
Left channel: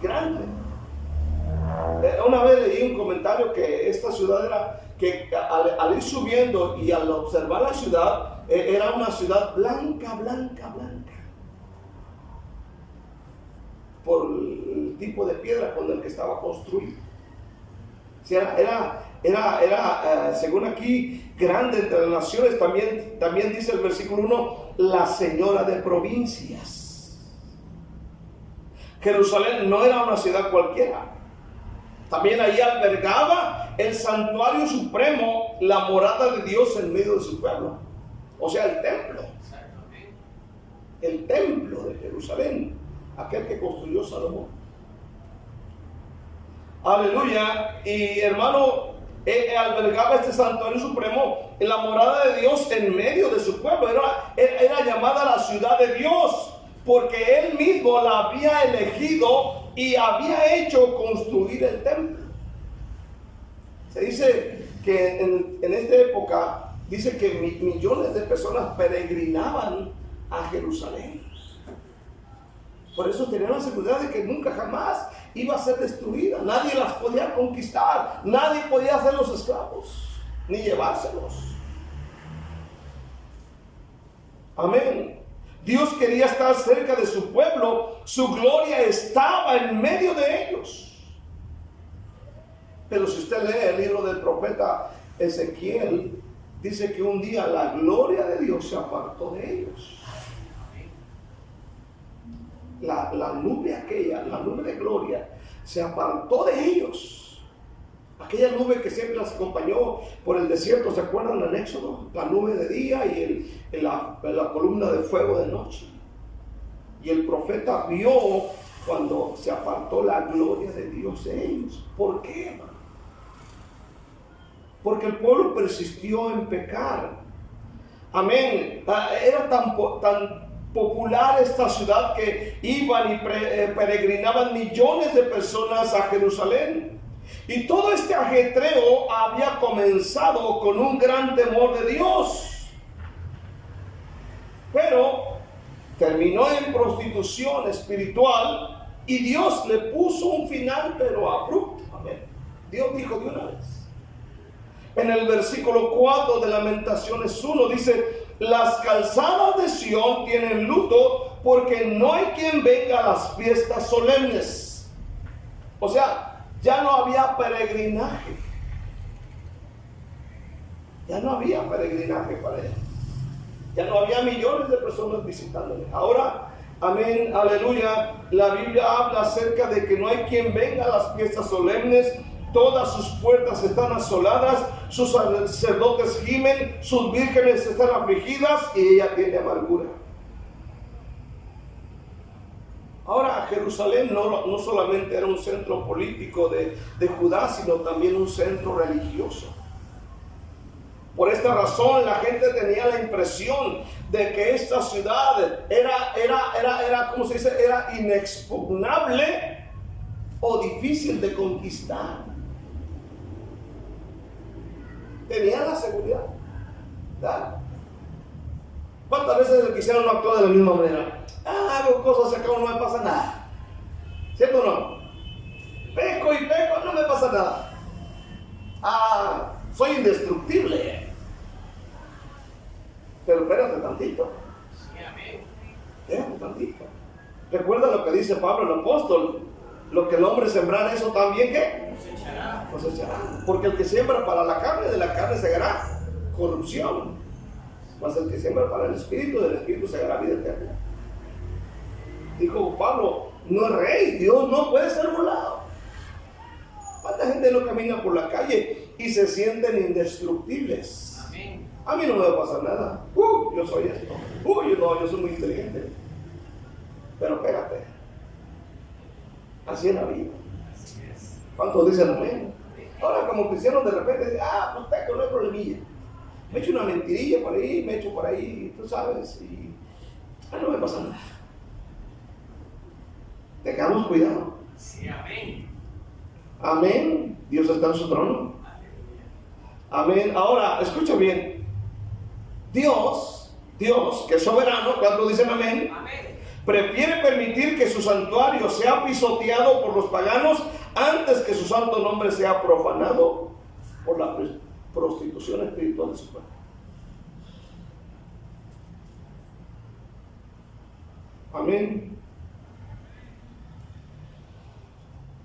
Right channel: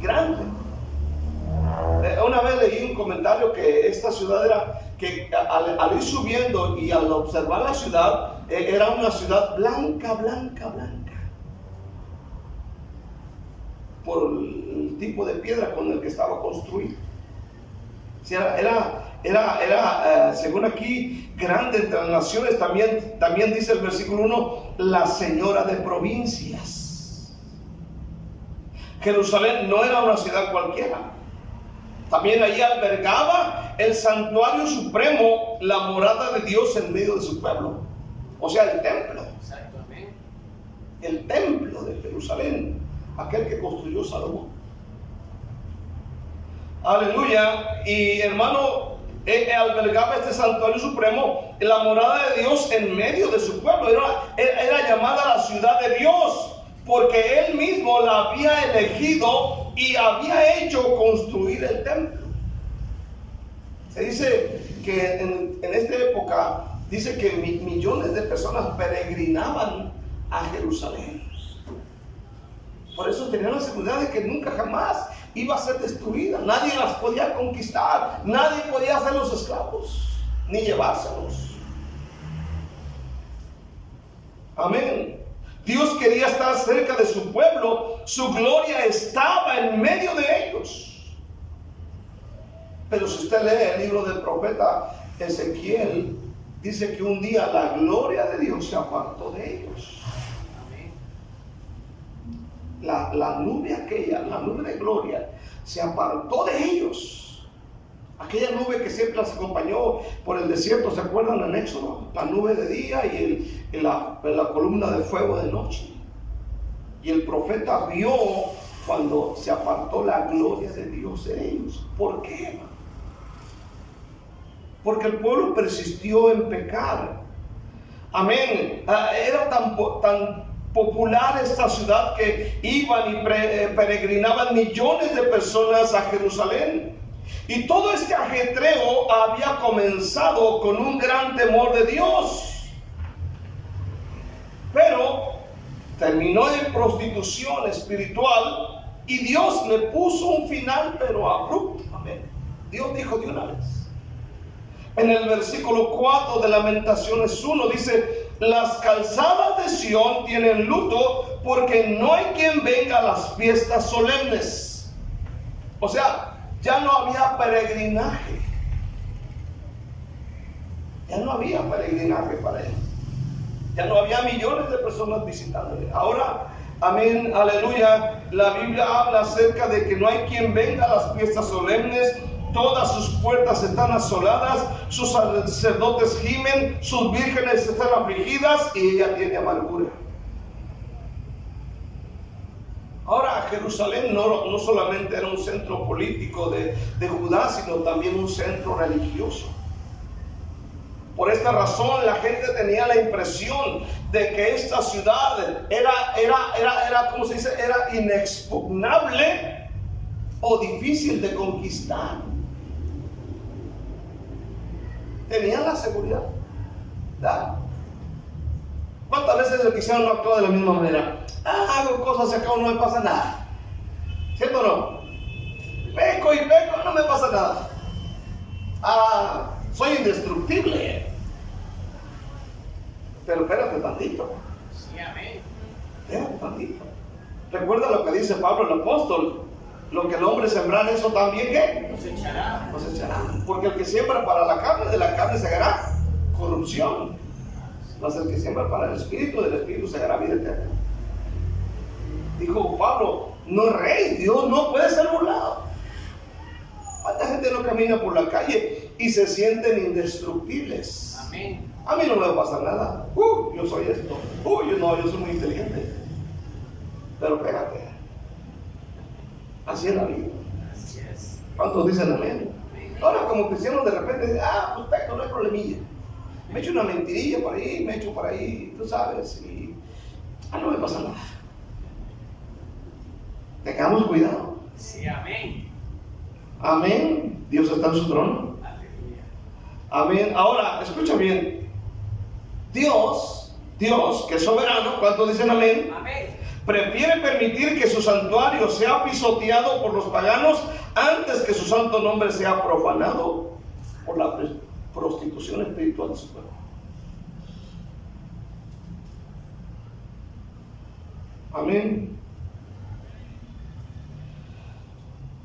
Grande. Una vez leí un comentario que esta ciudad era, que al ir subiendo y al observar la ciudad, era una ciudad blanca, blanca, blanca. Por el tipo de piedra con el que estaba construido. Era según aquí, grande entre las naciones. También dice el versículo 1, la señora de provincias. Jerusalén no era una ciudad cualquiera. También ahí albergaba el santuario supremo, la morada de Dios en medio de su pueblo. O sea, el templo. Exactamente. El templo de Jerusalén, aquel que construyó Salomón. Aleluya. Y hermano, albergaba este santuario supremo en la morada de Dios en medio de su pueblo. Era llamada la ciudad de Dios, porque Él mismo la había elegido y había hecho construir el templo. Se dice que en esta época, dice que millones de personas peregrinaban a Jerusalén. Por eso tenían la seguridad de que nunca jamás iba a ser destruida. Nadie las podía conquistar, nadie podía hacerlos esclavos, ni llevárselos. Amén. Dios quería estar cerca de su pueblo, su gloria estaba en medio de ellos. Pero si usted lee el libro del profeta Ezequiel, dice que un día la gloria de Dios se apartó de ellos. La nube aquella, la nube de gloria, se apartó de ellos. Aquella nube que siempre las acompañó por el desierto, ¿se acuerdan en Éxodo? La nube de día y la columna de fuego de noche. Y el profeta vio cuando se apartó la gloria de Dios de ellos. ¿Por qué? Porque el pueblo persistió en pecar. Amén. Era tan popular esta ciudad que iban y peregrinaban millones de personas a Jerusalén. Y todo este ajetreo había comenzado con un gran temor de Dios, pero terminó en prostitución espiritual y Dios le puso un final pero abrupto. Amén. Dios dijo de una vez. En el versículo 4 de Lamentaciones 1 dice: las calzadas de Sión tienen luto porque no hay quien venga a las fiestas solemnes. O sea, ya no había peregrinaje. Ya no había peregrinaje para él. Ya no había millones de personas visitándole. Ahora, amén, aleluya, la Biblia habla acerca de que no hay quien venga a las fiestas solemnes. Todas sus puertas están asoladas, sus sacerdotes gimen, sus vírgenes están afligidas y ella tiene amargura. Ahora, Jerusalén no solamente era un centro político de Judá, sino también un centro religioso. Por esta razón, la gente tenía la impresión de que esta ciudad era, ¿cómo se dice? Era inexpugnable o difícil de conquistar. Tenían la seguridad. ¿Verdad? ¿Cuántas veces el cristiano no actúa de la misma manera? Hago cosas y acá no me pasa nada. ¿Cierto o no? Peco y peco, no me pasa nada. Soy indestructible. Pero espérate tantito. Sí, amén. Espérate tantito. Recuerda lo que dice Pablo el apóstol: lo que el hombre sembrar, eso también ¿qué? Cosechará. Porque el que siembra para la carne, de la carne segará corrupción. Mas el que siembra para el espíritu, del espíritu segará vida eterna. Dijo Pablo: no es rey, Dios no puede ser burlado. ¿Cuánta gente no camina por la calle y se sienten indestructibles? Amén. A mí no me va a pasar nada. Yo soy esto. Yo soy muy inteligente. Pero espérate. Así es la vida. Así es. ¿Cuántos dicen amén? Ahora, como cristianos, de repente, pues peco, no hay problemilla. Me echo una mentirilla por ahí, me echo por ahí, tú sabes, y no me pasa nada. Tengamos cuidado. Sí, amén. Amén. Dios está en su trono. Aleluya. Amén. Ahora, escucha bien. Dios, que es soberano, ¿cuántos dicen amén? Amén. Prefiere permitir que su santuario sea pisoteado por los paganos antes que su santo nombre sea profanado por la prostitución espiritual de su pueblo. Amén.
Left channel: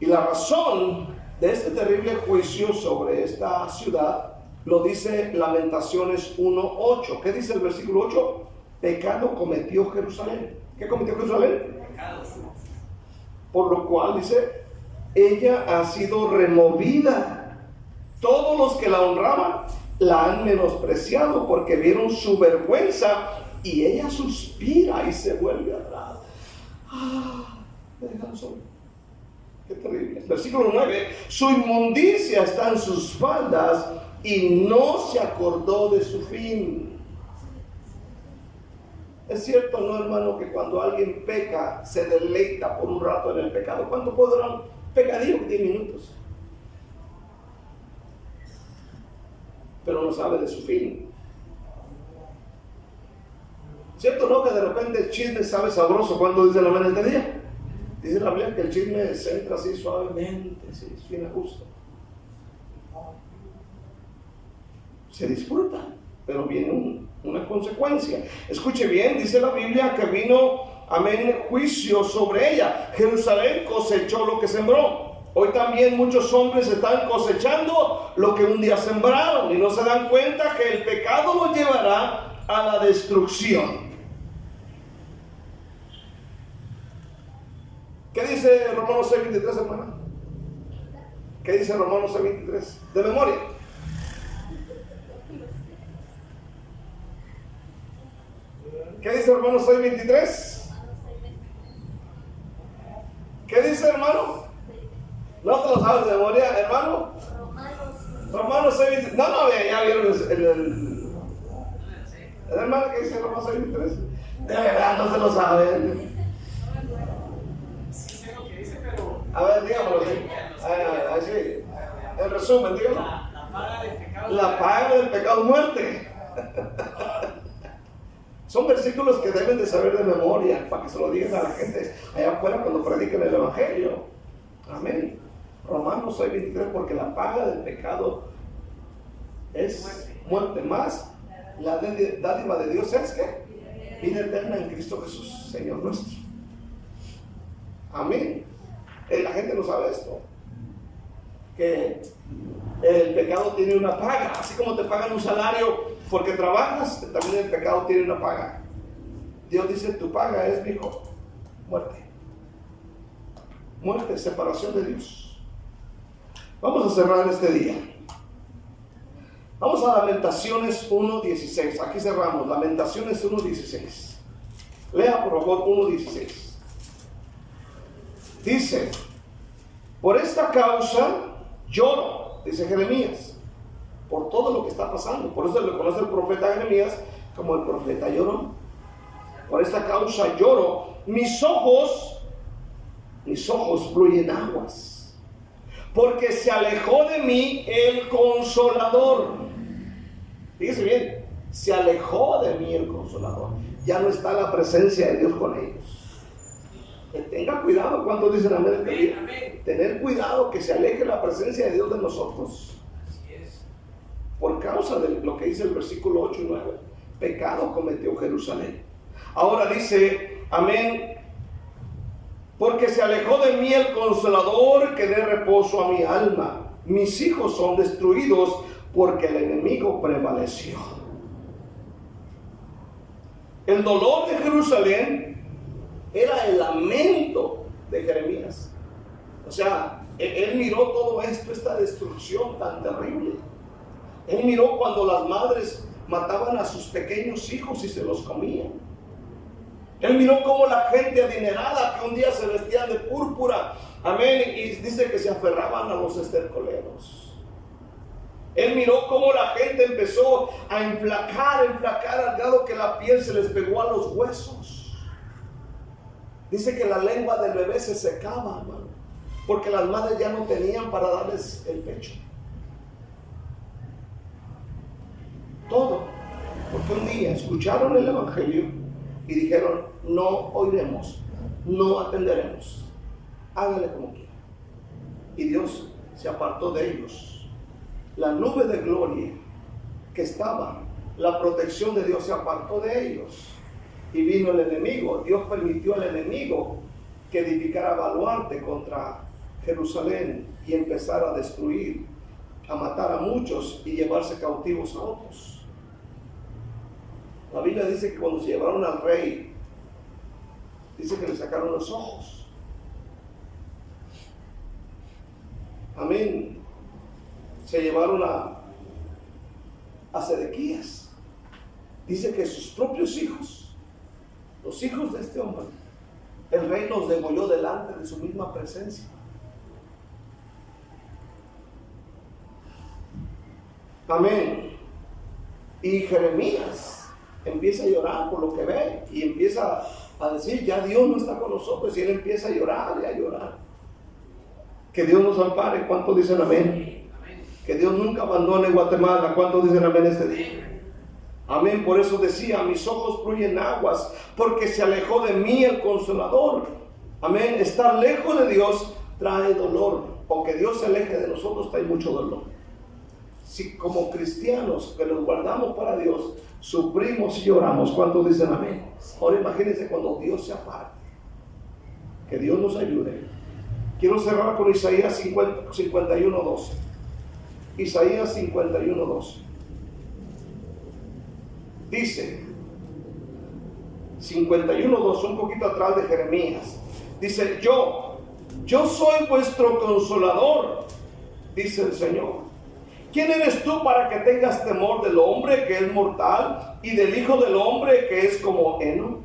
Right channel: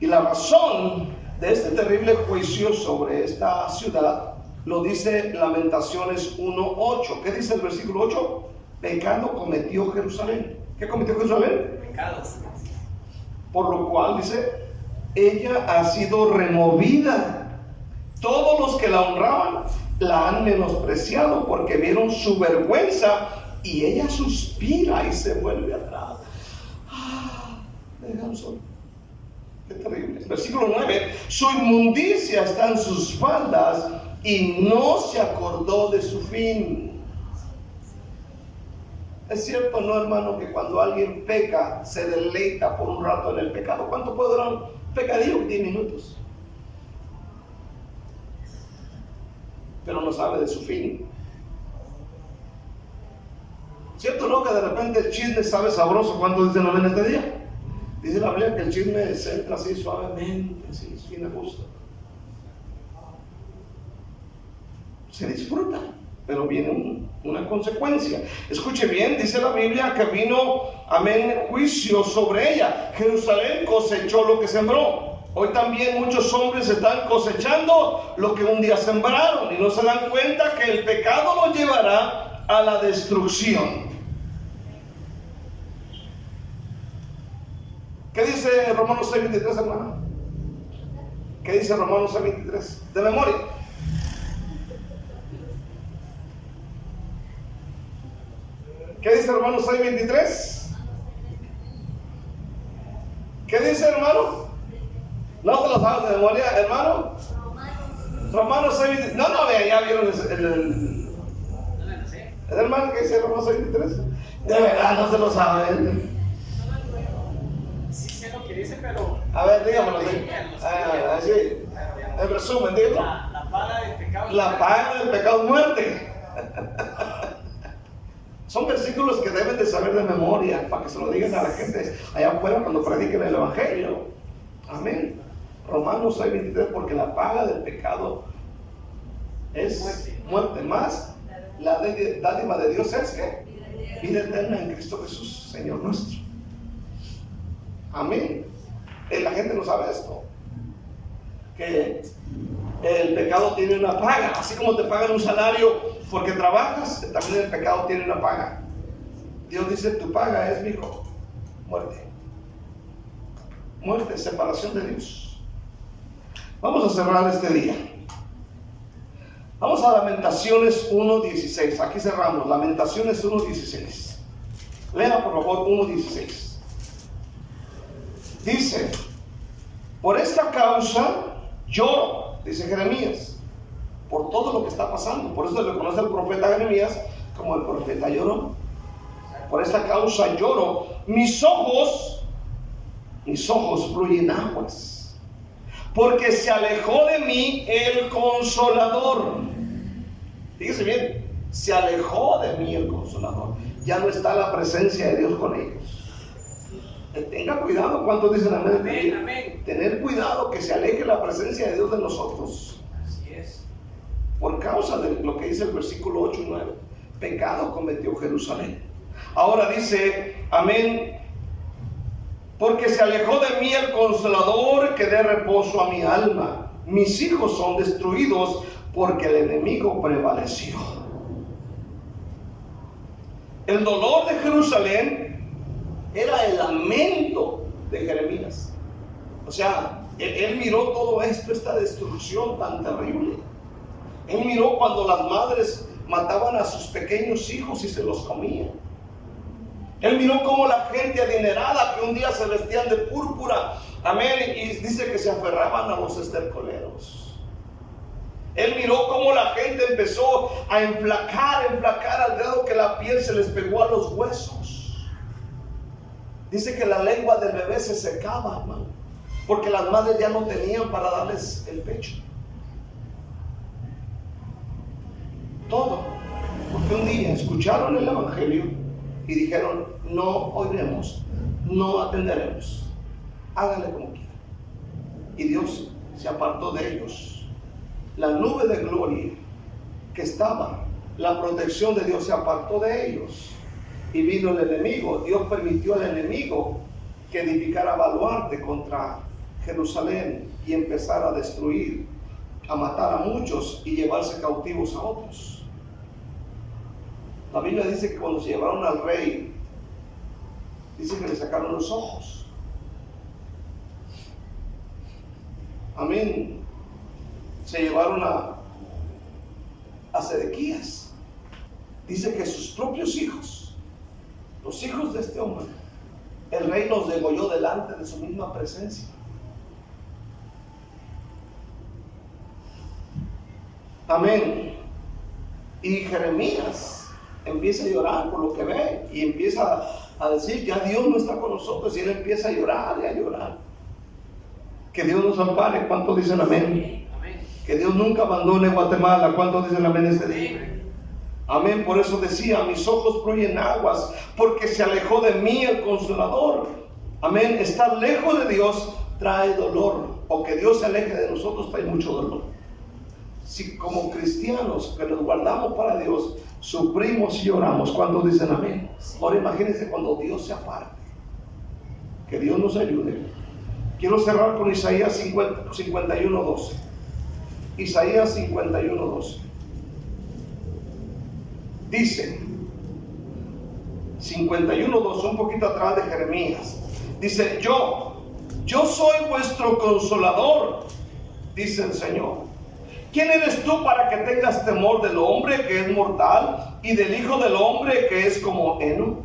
Y la razón de este terrible juicio sobre esta ciudad lo dice Lamentaciones 1:8. ¿Qué dice el versículo 8? Pecado cometió Jerusalén. ¿Qué cometió Jerusalén? Pecados. Por lo cual dice: ella ha sido removida. Todos los que la honraban la han menospreciado porque vieron su vergüenza, y ella suspira y se vuelve atrás. Me dejaron solo. Qué terrible. Versículo 9. Su inmundicia está en sus faldas y no se acordó de su fin. Es cierto, ¿no, hermano? Que cuando alguien peca, se deleita por un rato en el pecado. ¿Cuánto puede durar un pecadillo? 10 minutos. Pero no sabe de su fin. ¿Cierto, no? Que de repente el chisme sabe sabroso. ¿Cuánto dicen amén este día? Dice la Biblia que el chisme se entra así suavemente, así, bien a gusto. Se disfruta, pero viene una consecuencia. Escuche bien, dice la Biblia que vino, amén, juicio sobre ella. Jerusalén cosechó lo que sembró. Hoy también muchos hombres están cosechando lo que un día sembraron y no se dan cuenta que el pecado los llevará a la destrucción. ¿Qué dice Romanos 6:23, hermano? ¿Qué dice Romanos 6:23? De memoria. ¿Qué dice Romanos 6:23? ¿Qué dice, hermano? ¿No te lo sabes de memoria, hermano? Romanos 6:23. No, vean, ya vieron el hermano que dice Romanos 6:23. De verdad, no se lo saben. A ver, dígamelo. Así. En resumen, dígalo. La paga del pecado. La paga del pecado es muerte. Son versículos que deben de saber de memoria para que se lo digan a la gente allá afuera cuando prediquen el Evangelio. Amén. Romanos 6:23, porque la paga del pecado es muerte. Más la dádiva de Dios es que vida eterna en Cristo Jesús, Señor nuestro. Amén. La gente no sabe esto, que el pecado tiene una paga. Así como te pagan un salario porque trabajas, también el pecado tiene una paga. Dios dice, tu paga es, hijo, muerte. Muerte, separación de Dios. Vamos a cerrar este día. Vamos a Lamentaciones 1:16. Aquí cerramos, Lamentaciones 1:16. Lea por favor 1:16. Dice, por esta causa lloro, dice Jeremías, por todo lo que está pasando. Por eso le conoce el profeta Jeremías como el profeta llorón. Por esta causa lloro, mis ojos fluyen aguas, porque se alejó de mí el Consolador. Fíjese bien, se alejó de mí el Consolador. Ya no está la presencia de Dios con ellos. Tenga cuidado, ¿cuántos dicen amén? Amén, amén. Tener cuidado que se aleje la presencia de Dios de nosotros. Así es. Por causa de lo que dice el versículo 8 y 9. Pecado cometió Jerusalén. Ahora dice, amén, porque se alejó de mí el Consolador que dé reposo a mi alma. Mis hijos son destruidos porque el enemigo prevaleció. El dolor de Jerusalén era el lamento de Jeremías. O sea, él miró todo esto, esta destrucción tan terrible. Él miró cuando las madres mataban a sus pequeños hijos y se los comían. Él miró cómo la gente adinerada que un día se vestían de púrpura, amén, y dice que se aferraban a los estercoleros. Él miró cómo la gente empezó a enflacar al grado que la piel se les pegó a los huesos. Dice que la lengua del bebé se secaba, hermano, porque las madres ya no tenían para darles el pecho. Todo, porque un día escucharon el Evangelio y dijeron, no oiremos, no atenderemos, hágale como quiera. Y Dios se apartó de ellos. La nube de gloria que estaba, la protección de Dios se apartó de ellos. Y vino el enemigo. Dios permitió al enemigo que edificara baluarte contra Jerusalén y empezara a destruir, a matar a muchos y llevarse cautivos a otros. La Biblia dice que cuando se llevaron al rey, dice que le sacaron los ojos. Amén. Se llevaron a Sedequías. Dice que sus propios hijos, los hijos de este hombre, el rey los degolló delante de su misma presencia. Amén. Y Jeremías empieza a llorar por lo que ve y empieza a decir, ya Dios no está con nosotros, y él empieza a llorar y a llorar. Que Dios nos ampare. ¿Cuántos dicen amén? Amén. Que Dios nunca abandone Guatemala. ¿Cuántos dicen amén este día? Amén. Por eso decía, mis ojos fluyen aguas, porque se alejó de mí el Consolador. Amén. Estar lejos de Dios trae dolor, o que Dios se aleje de nosotros trae mucho dolor. Si como cristianos que nos guardamos para Dios, sufrimos y lloramos, ¿cuántos dicen amén? Ahora imagínense cuando Dios se aparte. Que Dios nos ayude. Quiero cerrar con Isaías 51:12. Isaías 51:12. Dice 51:12, un poquito atrás de Jeremías. Dice, yo soy vuestro consolador, dice el Señor. ¿Quién eres tú para que tengas temor del hombre que es mortal y del hijo del hombre que es como heno?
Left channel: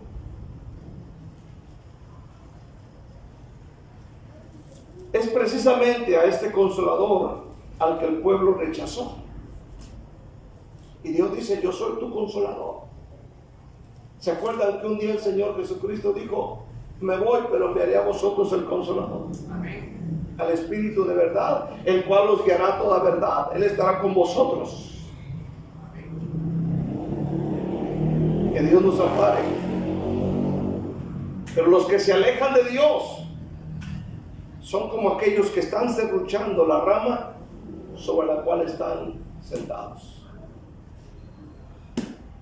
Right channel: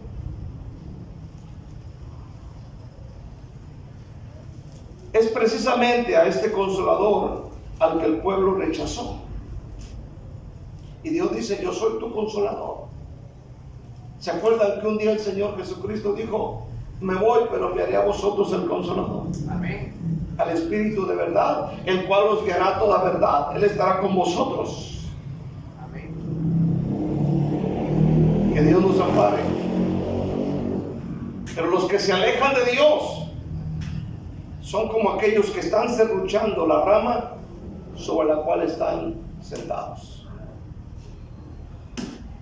Es precisamente a este consolador al que el pueblo rechazó. Y Dios dice, yo soy tu consolador. ¿Se acuerdan que un día el Señor Jesucristo dijo, me voy, pero me haré a vosotros el consolador? Amén. Al Espíritu de verdad, el cual os guiará a toda verdad. Él estará con vosotros. Amén. Que Dios nos ampare. Pero los que se alejan de Dios son como aquellos que están serruchando la rama sobre la cual están sentados.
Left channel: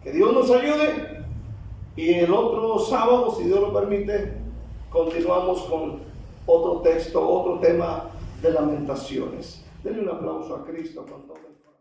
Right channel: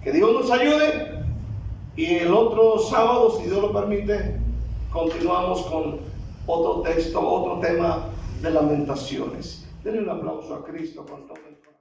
Que Dios nos ayude. Y el otro sábado, si Dios lo permite, continuamos con otro texto, otro tema de Lamentaciones. Denle un aplauso a Cristo con todo.